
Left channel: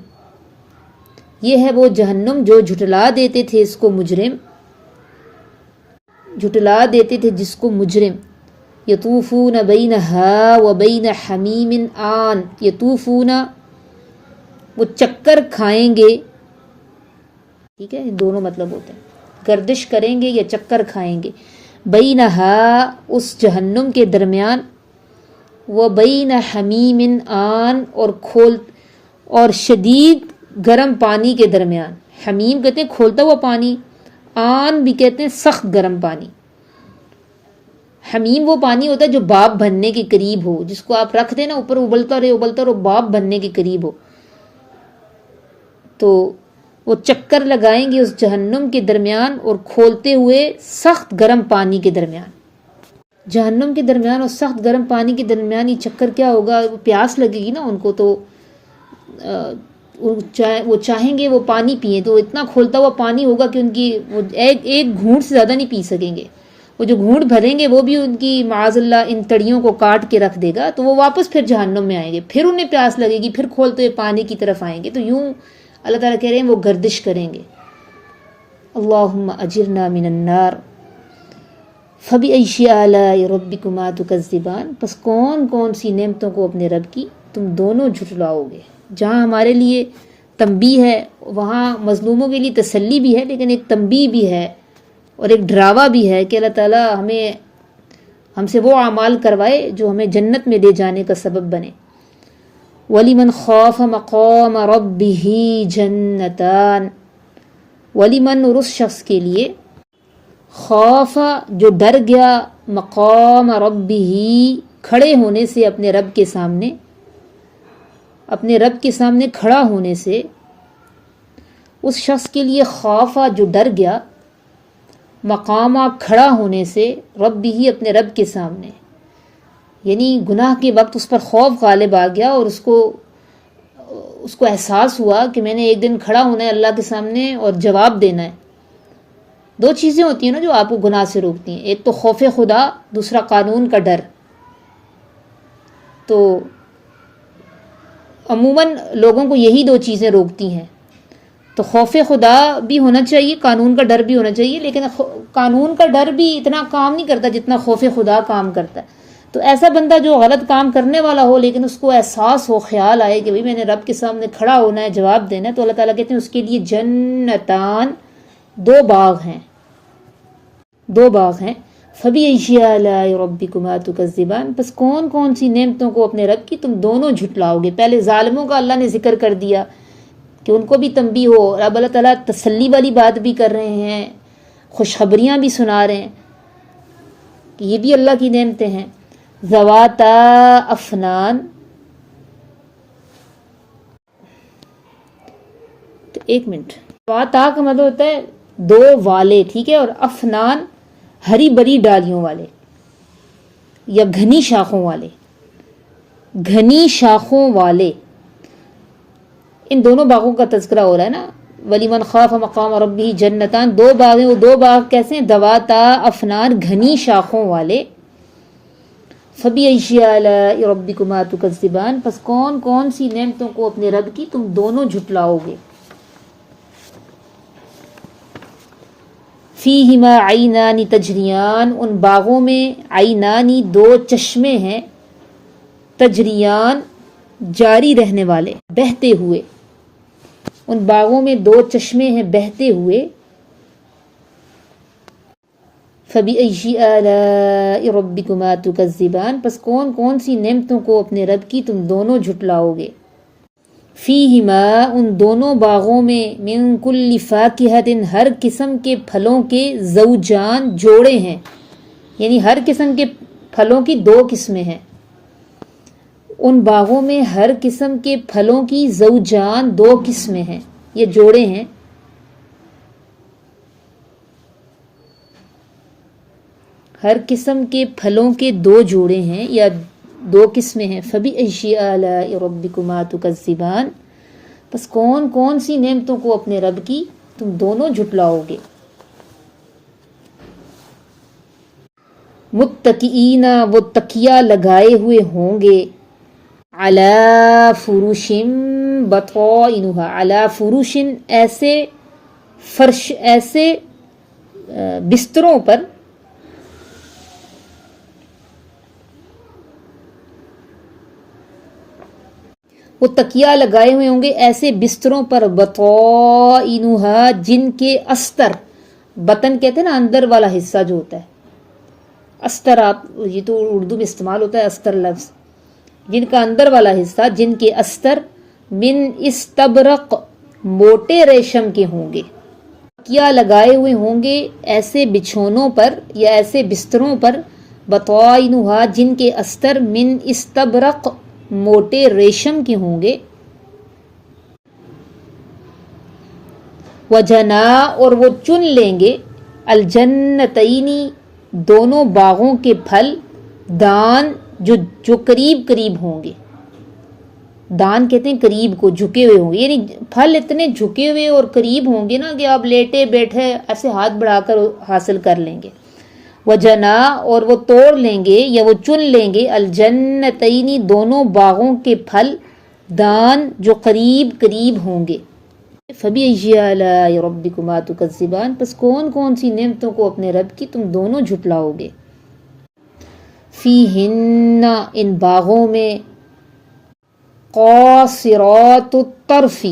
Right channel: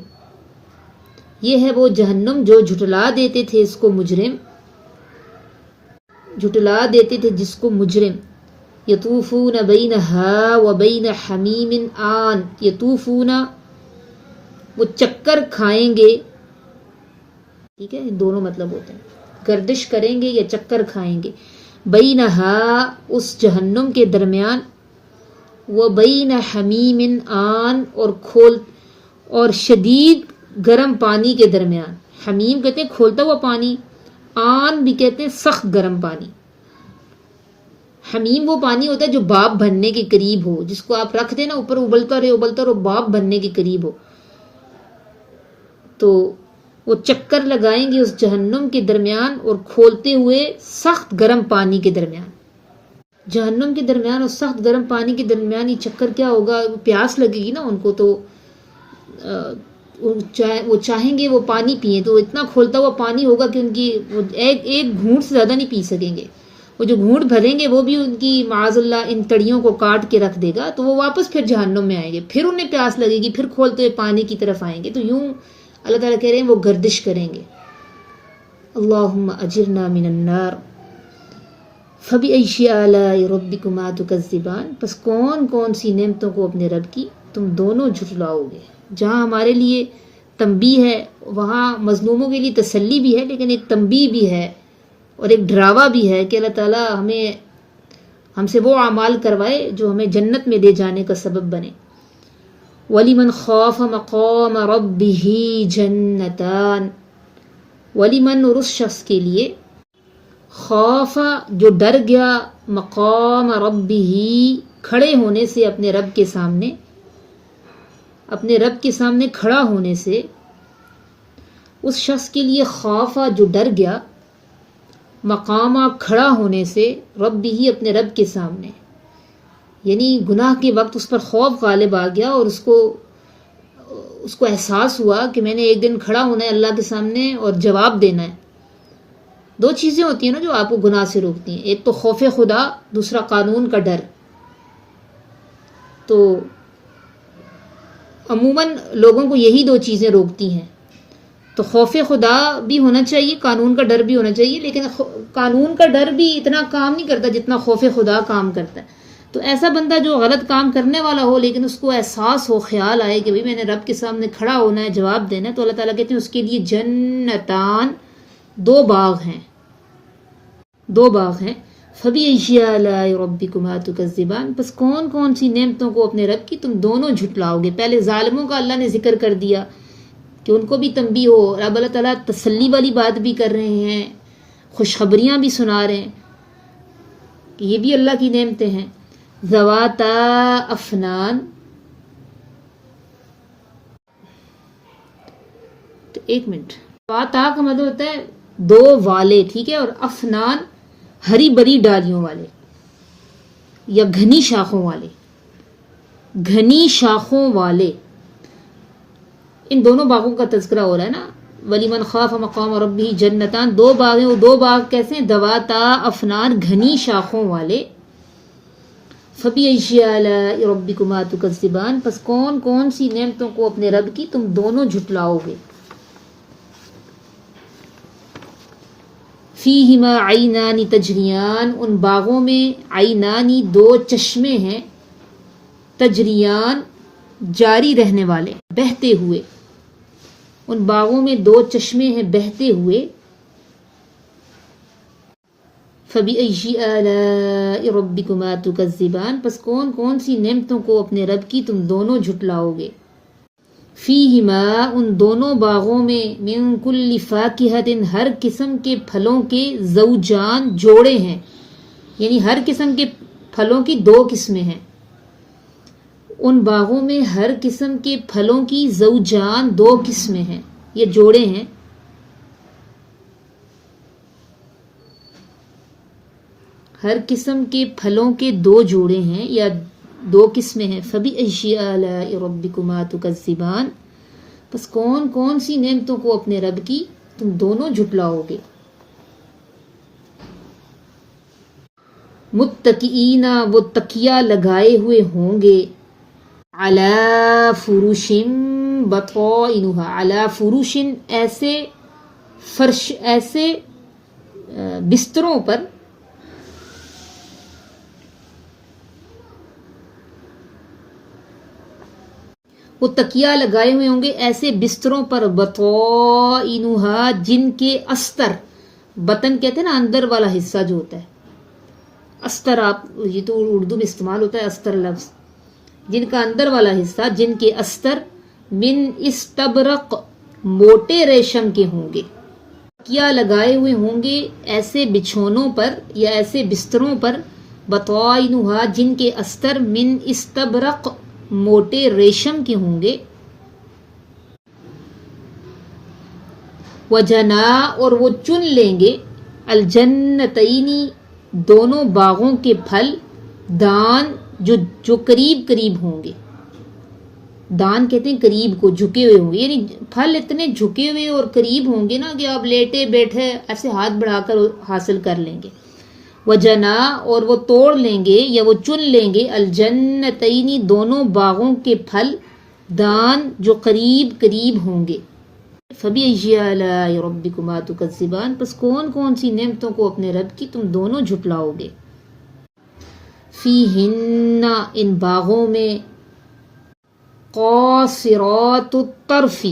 یہ ہے وہ جہنم جو جھٹلا دیتے تھے اس کو مجرم، جھٹلا دیتے تھے جس کو مجرم۔ یطوفون بینہا وبین حمیم آن، یطوفون وہ چکر کھائیں گے، ٹھیک ہے، یہ دونوں مطلب ہوتے ہیں، گردش کریں گے یا چکر کھائیں گے، بینہا اس جہنم کے درمیان، وبین حمیم آن اور شدید گرم پانی کے درمیان، حمیم کہتے ہیں کھولتا ہوا پانی، آن بھی کہتے ہیں سخت گرم پانی۔ حمیم وہ پانی ہوتا ہے جو بھاپ بننے کے قریب ہو، جس کو آپ رکھ دیں نا اوپر، ابلتا رہے بھاپ بننے کے قریب ہو، تو وہ چکر لگائیں گے اس جہنم کے درمیان اور کھولتے ہوئے سخت گرم پانی کے درمیان۔ جہنم کے درمیان اور سخت گرم پانی کے درمیان یہ چکر کیا ہوگا، پیاس لگے گی نا ان کو، تو وہ چاہیں گے وہ پانی پئیں، تو اتنا کھولتا ہوا پانی ہوگا کہ ان کی وہ ایک گھونٹ سے زیادہ نہیں پی سکیں گے، وہ جو گھونٹ بھریں گے وہ بھی ان کی معاذ اللہ ان تڑیوں کو کاٹ کے رکھ دے گا، تو وہ واپس پھر جہنم میں آئیں گے، پھر انہیں پیاس لگے گی، پھر کھولتے ہوئے پانی کی طرف آئیں گے، تو یوں اللہ تعالیٰ کہہ رہے ہیں وہ گردش کریں گے۔ اللہم اجرنا من النار فبأی آلاء ربکما تکذبان، پس کون کون سی نعمتوں کو اپنے رب کی تم دونوں جھٹلاؤ گے۔ جہاں ہمارے لیے تنبیہ ہے، وہاں مظلوموں کے لیے تسلی بھی ہے، لیکن ایک تنبیہ بھی ہے اور ایک ڈراوا بھی ہے کہ اللہ تعالیٰ ہم سے وہ اعمال کروائے جو ہمیں جنت میں لے جانے کا سبب بنے۔ وَلِمَنْ خَافَ مَقَامَ رَبِّهِ جَنَّتَانِ، وَلِمَنْ اور اس شخص کے لیے، خوف جو ڈر گیا، مقام ربہ کھڑے ہونے سے اپنے رب کے سامنے، اپنے رب کے سامنے کھڑا ہونے سے، اس شخص کے لیے خوف جو ڈر گیا، مقامہ کھڑا ہونے سے، رب ہی اپنے رب کے سامنے، یعنی گناہ کے وقت اس پر خوف غالب آ گیا اور اس کو احساس ہوا کہ میں نے ایک دن کھڑا ہونا ہے اللہ کے سامنے اور جواب دینا ہے۔ دو چیزیں ہوتی ہیں نا جو آپ کو گناہ سے روکتی ہیں، ایک تو خوف خدا، دوسرا قانون کا ڈر۔ تو عموماً لوگوں کو یہی دو چیزیں روکتی ہیں، تو خوف خدا بھی ہونا چاہیے، قانون کا ڈر بھی ہونا چاہیے، لیکن قانون کا ڈر بھی اتنا کام نہیں کرتا جتنا خوف خدا کام کرتا ہے۔ تو ایسا بندہ جو غلط کام کرنے والا ہو لیکن اس کو احساس ہو، خیال آئے کہ میں نے رب کے سامنے کھڑا ہونا ہے، جواب دینا ہے، تو اللہ تعالیٰ کہتے ہیں اس کے لیے جنتان، دو باغ ہیں، فَبِأَيِّ آلَاءِ رَبِّكُمَا تُكَذِّبَانِ، پس کون کون سی نعمتوں کو اپنے رب کی تم دونوں جھٹلاؤ گے۔ پہلے ظالموں کا اللہ نے ذکر کر دیا کہ ان کو بھی تنبیہ ہو، اب اللہ تعالیٰ تسلی والی بات بھی کر رہے ہیں، خوشخبریاں بھی سنا رہے ہیں کہ یہ بھی اللہ کی نعمتیں ہیں۔ ذواتا افنان، تو ایک منٹ، ذواتا کا مطلب ہوتا ہے دو والے، ٹھیک ہے، اور افنان ہری بری ڈالیوں والے یا گھنی شاخوں والے، گھنی شاخوں والے، ان دونوں باغوں کا تذکرہ ہو رہا ہے نا۔ وَلِمَنْ خَافَ مَقَامَ رَبِّهِ جَنَّتَانِ، دو باغ ہیں، وہ دو باغ کیسے ہیں، ذواتا افنان، گھنی شاخوں والے۔ فَبِأَيِّ آلَاءِ رَبِّكُمَا تُكَذِّبَانِ، پس کون کون سی نعمتوں کو اپنے رب کی تم دونوں جھٹلاؤ گے۔ فِيهِمَا عَيْنَانِ تَجْرِيَانِ، ان باغوں میں عینانی دو چشمے ہیں، تجریان جاری رہنے والے، بہتے ہوئے، ان باغوں میں دو چشمے ہیں بہتے ہوئے۔ فَبِأَيِّ آلَاءِ رَبِّكُمَا تُكَذِّبَانِ، پس کون کون سی نعمتوں کو اپنے رب کی تم دونوں جھٹلاؤ گے۔ فِيهِمَا، ان دونوں باغوں میں، مِن كُلِّ فَاكِهَةٍ، ہر قسم کے پھلوں کے، زوجان جوڑے ہیں، یعنی ہر قسم کے پھلوں کی دو قسمیں ہیں، ان باغوں میں ہر قسم کے پھلوں کی زوجان دو قسمیں ہیں، یہ جوڑے ہیں۔ ہر قسم کے پھلوں کے دو جوڑے ہیں یا دو قسمیں ہیں۔ فَبِأَيِّ آلَاءِ رَبِّكُمَا تُكَذِّبَانِ، بس کون کون سی نعمتوں کو اپنے رب کی تم دونوں جھٹلاؤ گے. متکئین وہ تکیہ لگائے ہوئے ہوں گے، علی فرش بطائنها، علی فرش ایسے فرش، ایسے بستروں پر، وہ تکیہ لگائے ہوئے ہوں گے ایسے بستروں پر، بطائنها جن کے استر، بطن کہتے ہیں نا اندر والا حصہ جو ہوتا ہے، استر، آپ یہ تو اردو میں استعمال ہوتا ہے استر لفظ، جن کا اندر والا حصہ، جن کے استر من استبرق موٹے ریشم کے ہوں گے. تکیہ لگائے ہوئے ہوں گے ایسے بچھونوں پر یا ایسے بستروں پر، بطائنها جن کے استر من استبرق موٹے ریشم کے ہوں گے. وجنا اور وہ چن لیں گے، الجنتینی دونوں باغوں کے پھل، دان جو قریب قریب ہوں گے. دان کہتے ہیں قریب کو، جھکے ہوئے ہوں گے، یعنی پھل اتنے جھکے ہوئے اور قریب ہوں گے نا کہ آپ لیٹے بیٹھے ایسے ہاتھ بڑھا کر حاصل کر لیں گے. وجنا اور وہ توڑ لیں گے یا وہ چن لیں گے، الجنتینی دونوں باغوں کے پھل، دان جو قریب قریب ہوں گے. فبأي آلاء ربكما تكذبان پس کون کون سی نعمتوں کو اپنے رب کی تم دونوں جھٹلاؤ گے. فیہن ان باغوں میں، قاصرات الطرف،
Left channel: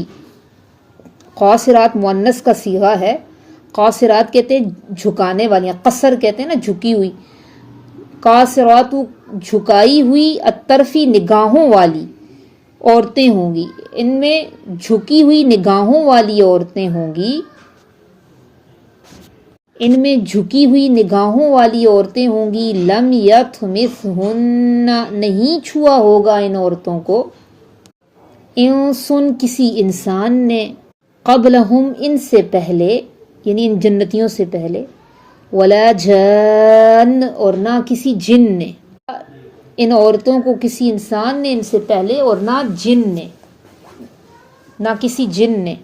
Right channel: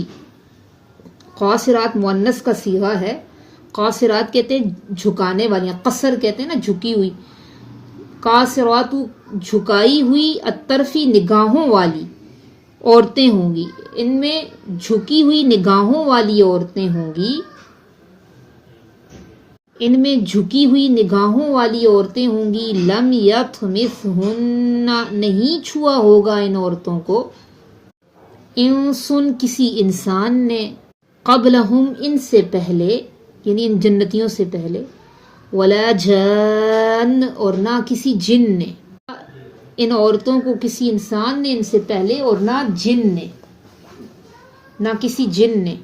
قاصرات مؤنث کا صیغہ ہے، قاصرات کہتے ہیں جھکانے والی، قصر کہتے ہیں نا جھکی ہوئی، قاصرات جھکائی ہوئی، الطرفی نگاہوں والی عورتیں ہوں گی. ان میں جھکی ہوئی نگاہوں والی عورتیں ہوں گی، ان میں جھکی ہوئی نگاہوں والی عورتیں ہوں گی. لم یطمثہن نہیں چھوا ہوگا ان عورتوں کو، انسن کسی انسان نے، قبلہم ان سے پہلے، یعنی ان جنتیوں سے پہلے، ولا جان اور نہ کسی جن نے، ان عورتوں کو کسی انسان نے ان سے پہلے اور نہ جن نے، نہ کسی جن نے.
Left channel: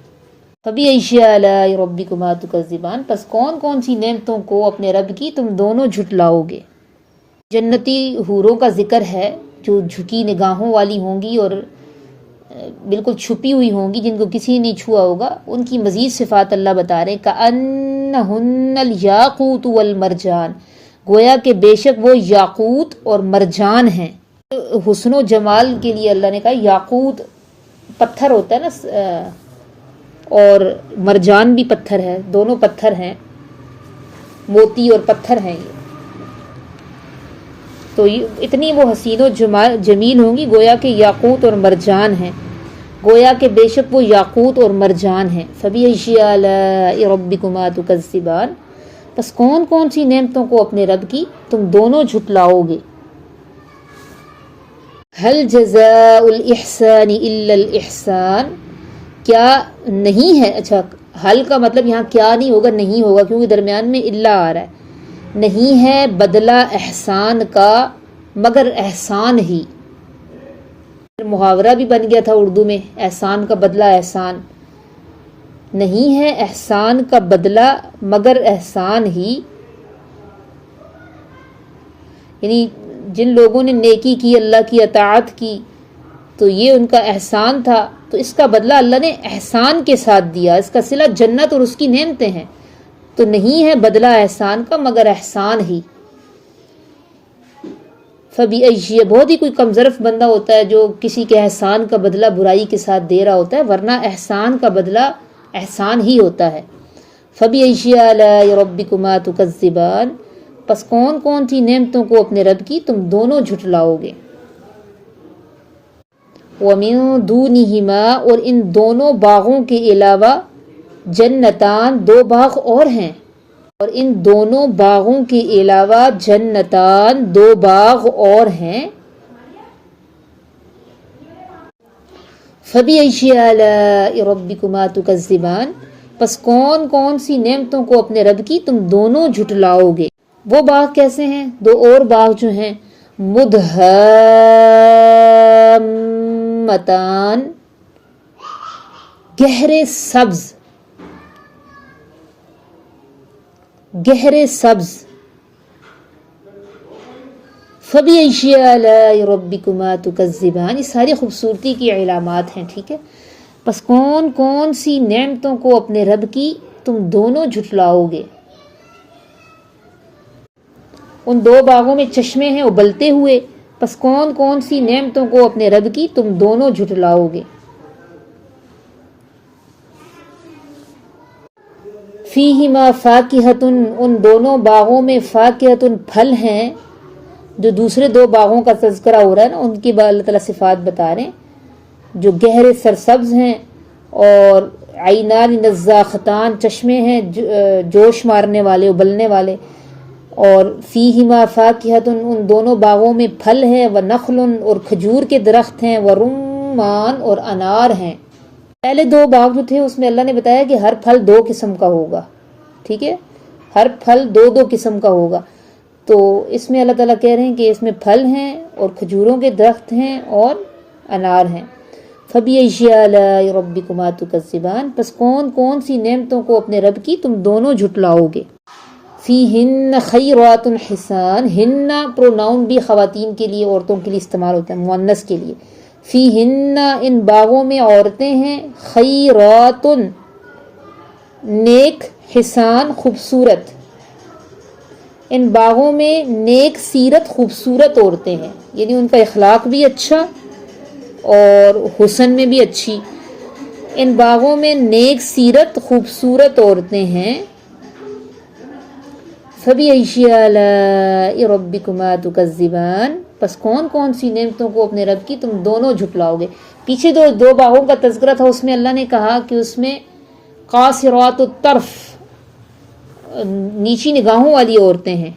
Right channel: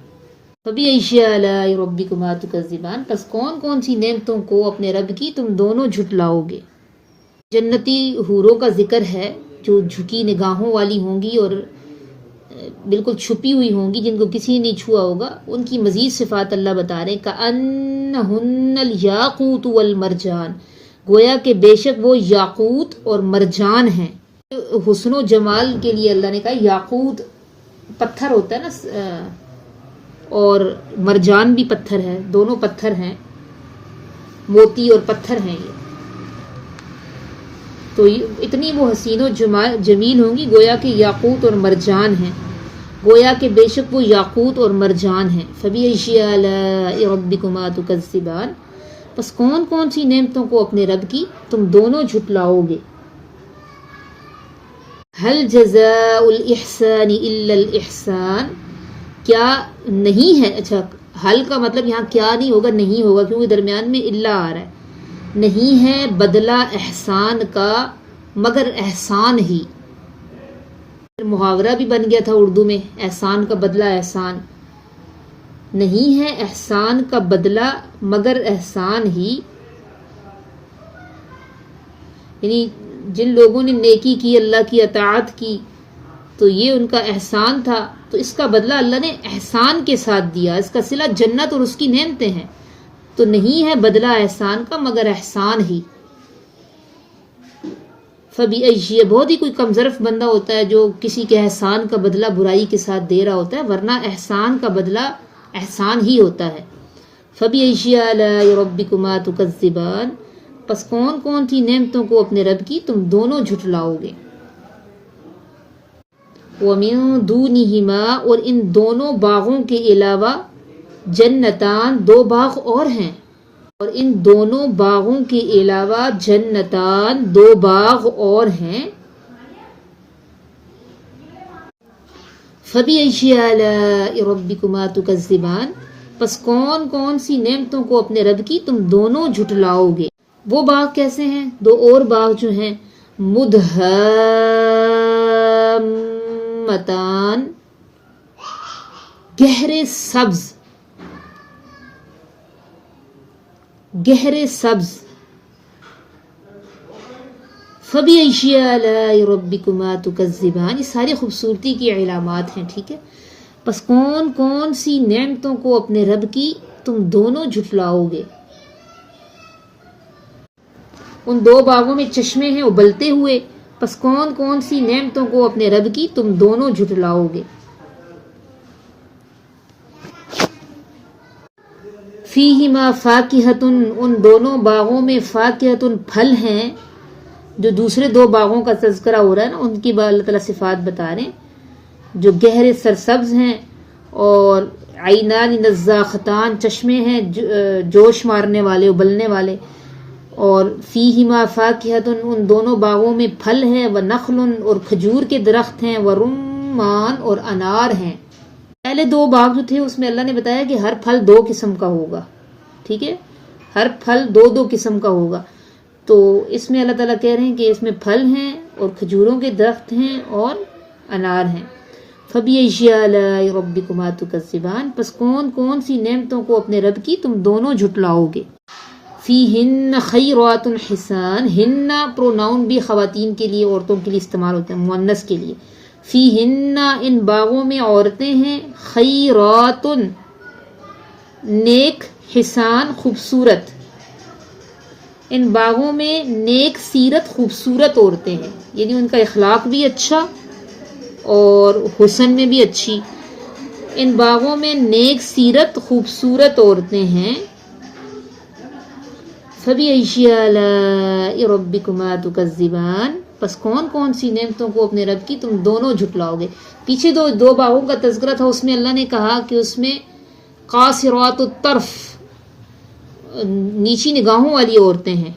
فبأي آلاء ربكما تكذبان پس کون کون سی نعمتوں کو اپنے رب کی تم دونوں جھٹلاؤ گے. جنتی حوروں کا ذکر ہے جو جھکی نگاہوں والی ہوں گی اور بالکل چھپی ہوئی ہوں گی، جن کو کسی نے نہیں چھوا ہوگا. ان کی مزید صفات اللہ بتا رہے ہیں، کأنہن الیاقوت والمرجان، گویا کہ بے شک وہ یاقوت اور مرجان ہیں. حسن و جمال کے لیے اللہ نے کہا یاقوت پتھر ہوتا ہے نا، اور مرجان بھی پتھر ہے، دونوں پتھر ہیں، موتی اور پتھر ہیں یہ. تو اتنی وہ حسین و جمیل ہوں گی، گویا کہ یاقوت اور مرجان ہیں، گویا کہ بے شک وہ یاقوت اور مرجان ہیں. فبأي آلاء ربكما تكذبان پس کون کون سی نعمتوں کو اپنے رب کی تم دونوں جھٹلاؤ گے. هل جزاء الإحسان إلا الإحسان کیا نہیں ہے، اچھا حل کا مطلب یہاں کیا نہیں ہوگا، نہیں ہوگا، کیونکہ درمیان میں الا آ رہا ہے. نہیں ہے بدلہ احسان کا مگر احسان ہی. محاورہ بھی بن گیا تھا اردو میں، احسان کا بدلہ احسان. نہیں ہے احسان کا بدلہ مگر احسان ہی، یعنی جن لوگوں نے نیکی کی، اللہ کی اطاعت کی، تو یہ ان کا احسان تھا، تو اس کا بدلہ اللہ نے احسان کے ساتھ دیا. اس کا صلہ جنت اور اس کی نعمتیں ہیں. تو نہیں ہے بدلہ احسان کا مگر احسان ہی. فبأي بہت ہی کوئی کم ظرف بندہ ہوتا ہے جو کسی کے احسان کا بدلہ برائی کے ساتھ دے رہا ہوتا ہے، ورنہ احسان کا بدلہ احسان ہی ہوتا ہے. فبأي آلاء ربكما تكذبان پس کون کون سی نعمتوں کو اپنے رب کی تم دونوں جھٹلاؤ گے. وَمِن دُونِهِمَا اور ان دونوں باغوں کے علاوہ، جنتان دو باغ اور ہیں، اور ان دونوں باغوں کے علاوہ جنتان دو باغ اور ہیں. فَبِأَيِّ آلَاءِ رَبِّكُمَا تُكَذِّبَانِ پس کون کون سی نعمتوں کو اپنے رب کی تم دونوں جھٹلاؤ گے. وہ باغ کیسے ہیں؟ دو اور باغ جو ہیں، مدہامتان گہرے سبز، گہرے سبز. فَبِأَيِّ آلَاءِ رَبِّكُمَا تُكَذِّبَانِ، یہ ساری خوبصورتی کی علامات ہیں. ٹھیک ہے، پس کون کون سی نعمتوں کو اپنے رب کی تم دونوں جھٹلاؤ گے. ان دو باغوں میں چشمے ہیں ابلتے ہوئے، پس کون کون سی نعمتوں کو اپنے رب کی تم دونوں جھٹلاؤ گے. فیہما فاکہۃ، ان دونوں باغوں میں فاکہۃ پھل ہیں. جو دوسرے دو باغوں کا تذکرہ ہو رہا ہے نا، ان کی اللہ تعالیٰ صفات بتا رہے ہیں، جو گہرے سرسبز ہیں، اور عینان نضاختان، چشمے ہیں جوش مارنے والے، ابلنے والے. اور فیہما فاکہۃ، ان دونوں باغوں میں پھل ہیں، ونخل، اور کھجور کے درخت ہیں، ورمان، اور انار ہیں. پہلے دو باغ جو تھے اس میں اللہ نے بتایا کہ ہر پھل دو قسم کا ہوگا. ٹھیک ہے، ہر پھل دو دو قسم کا ہوگا. تو اس میں اللہ تعالیٰ کہہ رہے ہیں کہ اس میں پھل ہیں اور کھجوروں کے درخت ہیں اور انار ہیں. فَبِأَيِّ آلَاءِ رَبِّكُمَا تُكَذِّبَانِ، پس کون کون سی نعمتوں کو اپنے رب کی تم دونوں جھٹلاؤ گے. فِيهِنَّ خَيْرَاتٌ حِسَان، ہن پروناؤن بھی خواتین کے لیے، عورتوں کے لیے استعمال ہوتا ہے، مؤنث کے لیے. فِيهِنَّ، ان باغوں میں عورتیں ہیں، خیرات، نیک، حسان، خوبصورت. ان باغوں میں نیک سیرت خوبصورت عورتیں ہیں، یعنی ان کا اخلاق بھی اچھا اور حسن میں بھی اچھی. ان باغوں میں نیک سیرت خوبصورت عورتیں ہیں. فَبِأَيِّ آلَاءِ رَبِّكُمَا تُكَذِّبَانِ، پس کون کون سی نعمتوں کو اپنے رب کی تم دونوں جھٹلاؤ گے. پیچھے دو باغوں کا تذکرہ تھا، اس میں اللہ نے کہا کہ اس میں قاصرات الطرف، نیچی نگاہوں والی عورتیں ہیں.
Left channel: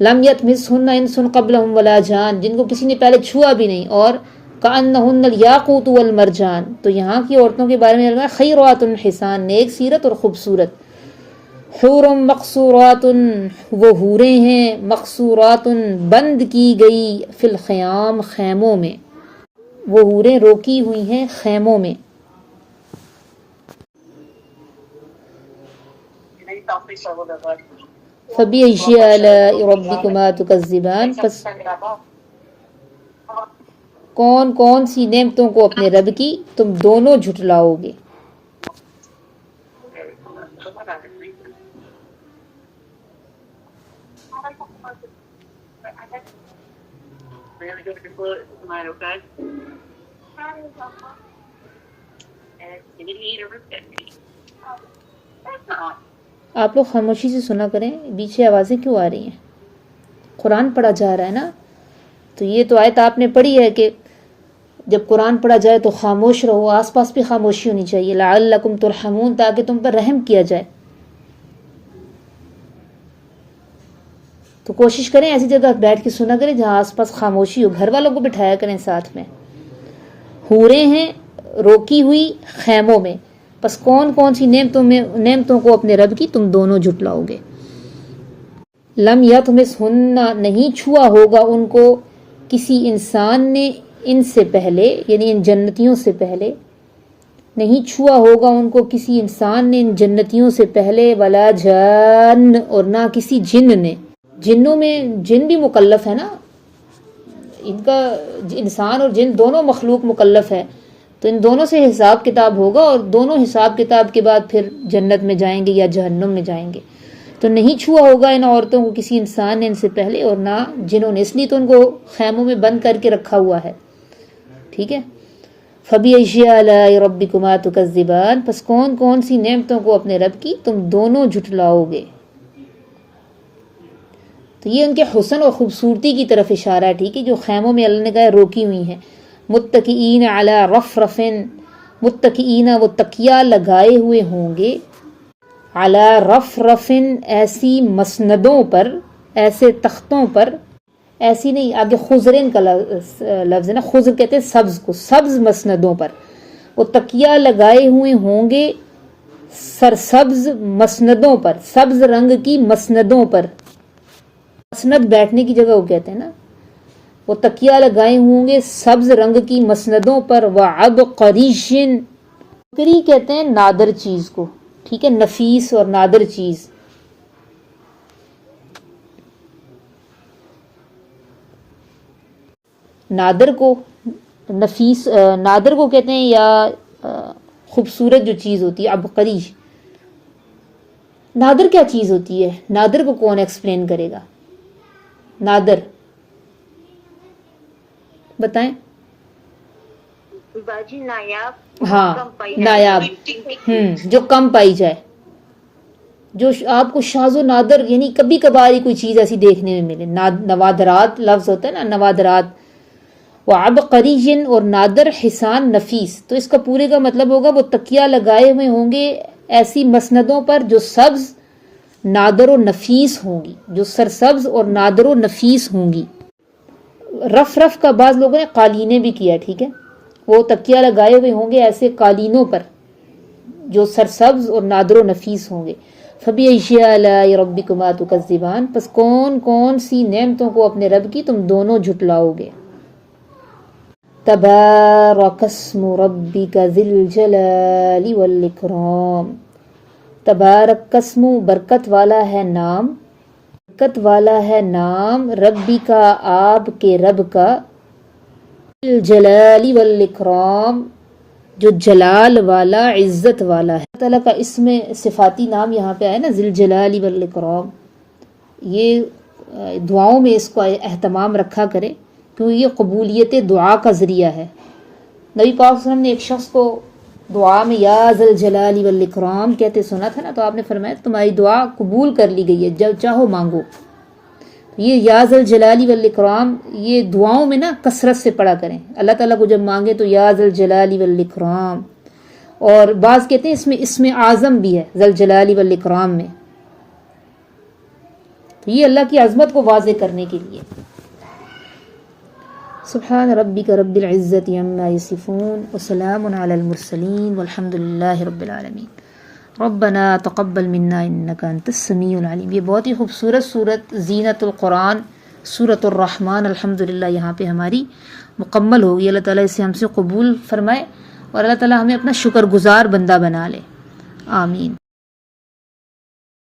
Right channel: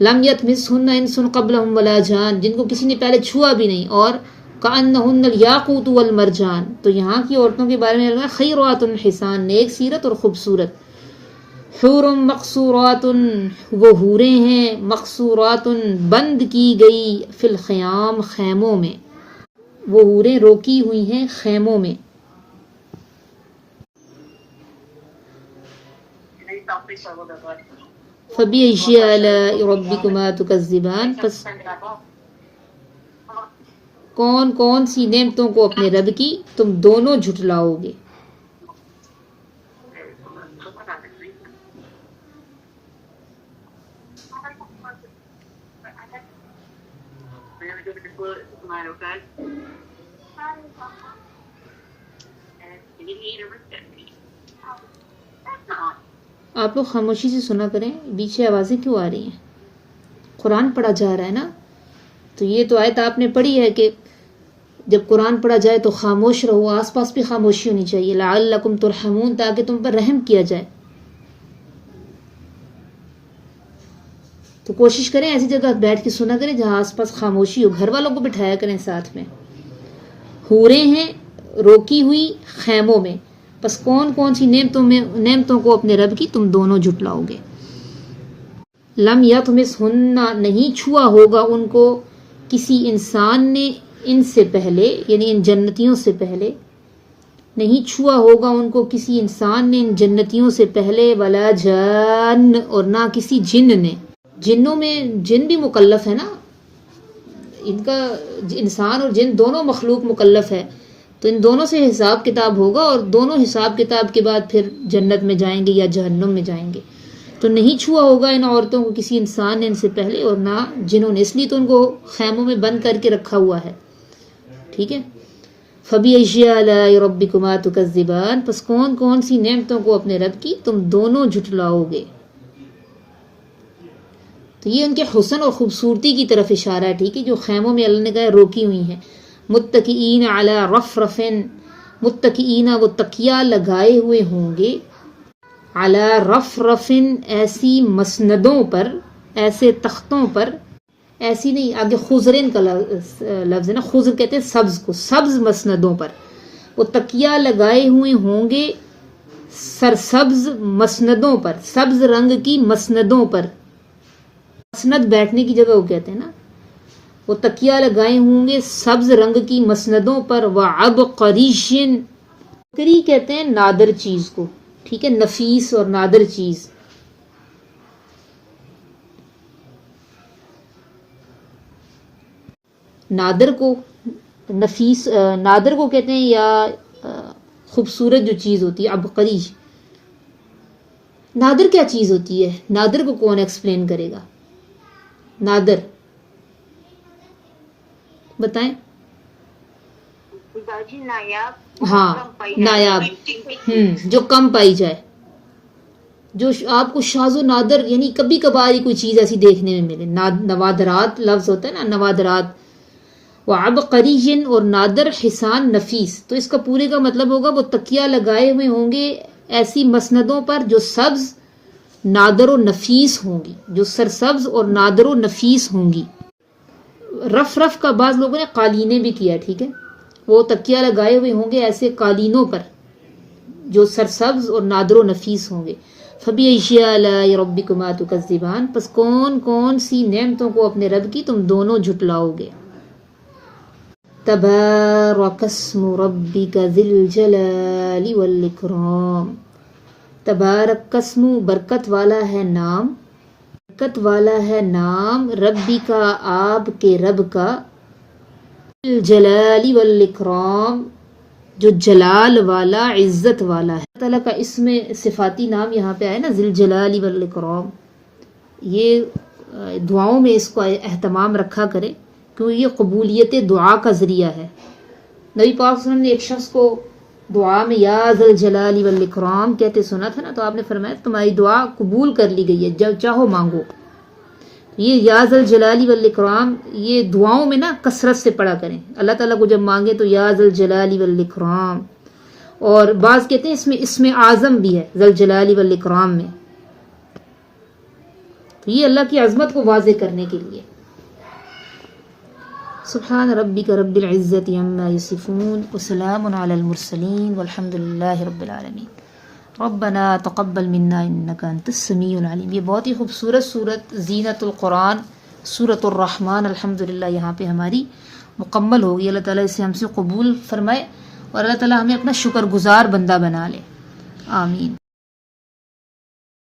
لم یطمثہن انس قبلہم ولا جان، جن کو کسی نے پہلے چھوا بھی نہیں. اور کأنہن الیاقوت والمرجان، تو یہاں کی عورتوں کے بارے میں اللہ خیرات حسان، نیک سیرت اور خوبصورت. حور مقصورات، وہ حوریں ہیں، مقصورات، بند کی گئی، فی الخیام، خیموں میں. وہ حوریں روکی ہوئی ہیں خیموں میں. فَبِأَيِّ آلَاءِ رَبِّكُمَا تُكَذِّبَانِ، پس کون کون سی نعمتوں کو اپنے رب کی تم دونوں جھٹلاؤ گے. آپ لوگ خاموشی سے سنا کریں، پیچھے آوازیں کیوں آ رہی ہیں؟ قرآن پڑھا جا رہا ہے نا. تو یہ تو آیت آپ نے پڑھی ہے کہ جب قرآن پڑھا جائے تو خاموش رہو، آس پاس بھی خاموشی ہونی چاہیے. لعلکم ترحمون، تاکہ تم پر رحم کیا جائے. تو کوشش کریں ایسی جگہ بیٹھ کے سنا کریں جہاں آس پاس خاموشی ہو. گھر والوں کو بٹھایا کریں ساتھ میں. حوریں ہیں روکی ہوئی خیموں میں، پس کون کون سی نعمتوں کو اپنے رب کی تم دونوں جھٹلاؤ گے. لم یطمثہن، نہیں چھوا ہوگا ان کو کسی انسان نے ان سے پہلے، یعنی ان جنتیوں سے پہلے. نہیں چھوا ہوگا ان کو کسی انسان نے ان جنتیوں سے پہلے. ولا جان، اور نہ کسی جن نے. جنوں میں جن بھی مکلف ہے نا، ان کا انسان اور جن دونوں مخلوق مکلف ہے. تو ان دونوں سے حساب کتاب ہوگا، اور دونوں حساب کتاب کے بعد پھر جنت میں جائیں گے یا جہنم میں جائیں گے. تو نہیں چھوا ہوگا ان عورتوں کو کسی انسان نے ان سے پہلے، اور نہ جنہوں نے، اس لیے تو ان کو خیموں میں بند کر کے رکھا ہوا ہے. ٹھیک ہے. فَبِأَيِّ آلَاءِ رَبِّكُمَا تُكَذِّبَانِ، پس کون کون سی نعمتوں کو اپنے رب کی تم دونوں جھٹلاؤ گے. تو یہ ان کے حسن اور خوبصورتی کی طرف اشارہ ہے. ٹھیک ہے، جو خیموں میں اللہ نے کہا روکی ہوئی ہیں. متکئین علی رفرف، متکئین، وہ تکیہ لگائے ہوئے ہوں گے. علی رفرف، ایسی مسندوں پر، ایسے تختوں پر. ایسی نہیں، آگے خضرن کا لفظ ہے نا، خضر کہتے ہیں سبز کو، سبز مسندوں پر. وہ تکیہ لگائے ہوئے ہوں گے سرسبز مسندوں پر، سبز رنگ کی مسندوں پر. مسند بیٹھنے کی جگہ وہ کہتے ہیں نا. وہ تکیہ لگائے ہوں گے سبز رنگ کی مسندوں پر. وعبقریش، کری کہتے ہیں نادر چیز کو، ٹھیک ہے، نفیس اور نادر چیز. نادر کو نفیس، نادر کو کہتے ہیں یا خوبصورت جو چیز ہوتی ہے، عبقری. نادر کیا چیز ہوتی ہے؟ نادر کو کون ایکسپلین کرے گا؟ نادر بتائیں. باجی نایاب. ہاں نایاب، جو کم پائی جائے، جو آپ کو شاذ و نادر، یعنی کبھی کبھار ہی کوئی چیز ایسی دیکھنے میں ملے. نوادرات لفظ ہوتا ہے نا، نوادرات. وعبقری، اور نادر حسان نفیس، تو اس کا پورے کا مطلب ہوگا وہ تکیہ لگائے ہوئے ہوں گے ایسی مسندوں پر جو سبز، نادر و نفیس ہوں گی، جو سرسبز اور نادر و نفیس ہوں گی. رف کا بعض لوگوں نے قالینیں بھی کیا، ٹھیک ہے، وہ تکیہ لگائے ہوئے ہوں گے ایسے قالینوں پر جو سرسبز اور نادر و نفیس ہوں گے. فَبِأَيِّ آلَاءِ رَبِّكُمَا تُكَذِّبَانِ، پس کون کون سی نعمتوں کو اپنے رب کی تم دونوں جھٹلاؤ گے. تبارک اسم ربک ذی الجلال والاکرام. تبارک اسم، برکت والا ہے نام، برکت والا ہے نام، ربی کا، آپ کے رب کا، الجلال والاکرام، جو جلال والا، عزت والا ہے. اللہ تعالیٰ کا اسم صفاتی نام یہاں پہ آئے نا، ذی الجلال والاکرام. یہ دعاؤں میں اس کو اہتمام رکھا کرے کیونکہ یہ قبولیت دعا کا ذریعہ ہے. نبی پاک صلی اللہ علیہ وسلم نے ایک شخص کو دعا میں یا ذی الجلال والاکرام کہتے سنا تھا نا، تو آپ نے فرمایا تمہاری دعا قبول کر لی گئی ہے، جب چاہو مانگو. یہ یا ذی الجلال والاکرام یہ دعاؤں میں نا کثرت سے پڑھا کریں. اللہ تعالیٰ کو جب مانگے تو یا ذی الجلال والاکرام. اور بعض کہتے ہیں اس میں اسم اعظم بھی ہے ذی الجلال والاکرام میں، یہ اللہ کی عظمت کو واضح کرنے کے لیے. سبحان ربک رب العزت عما یصفون وسلام علی المرسلین والحمد للہ رب العالمین. ربنا تقبل منا انک انت السمیع العلیم. یہ بہت ہی خوبصورت سورت زینت القرآن، سورۃ الرحمن الحمدللہ یہاں پہ ہماری مکمل ہوگی. اللہ تعالیٰ اسے ہم سے قبول فرمائے اور اللہ تعالیٰ ہمیں اپنا شکر گزار بندہ بنا لے. آمین.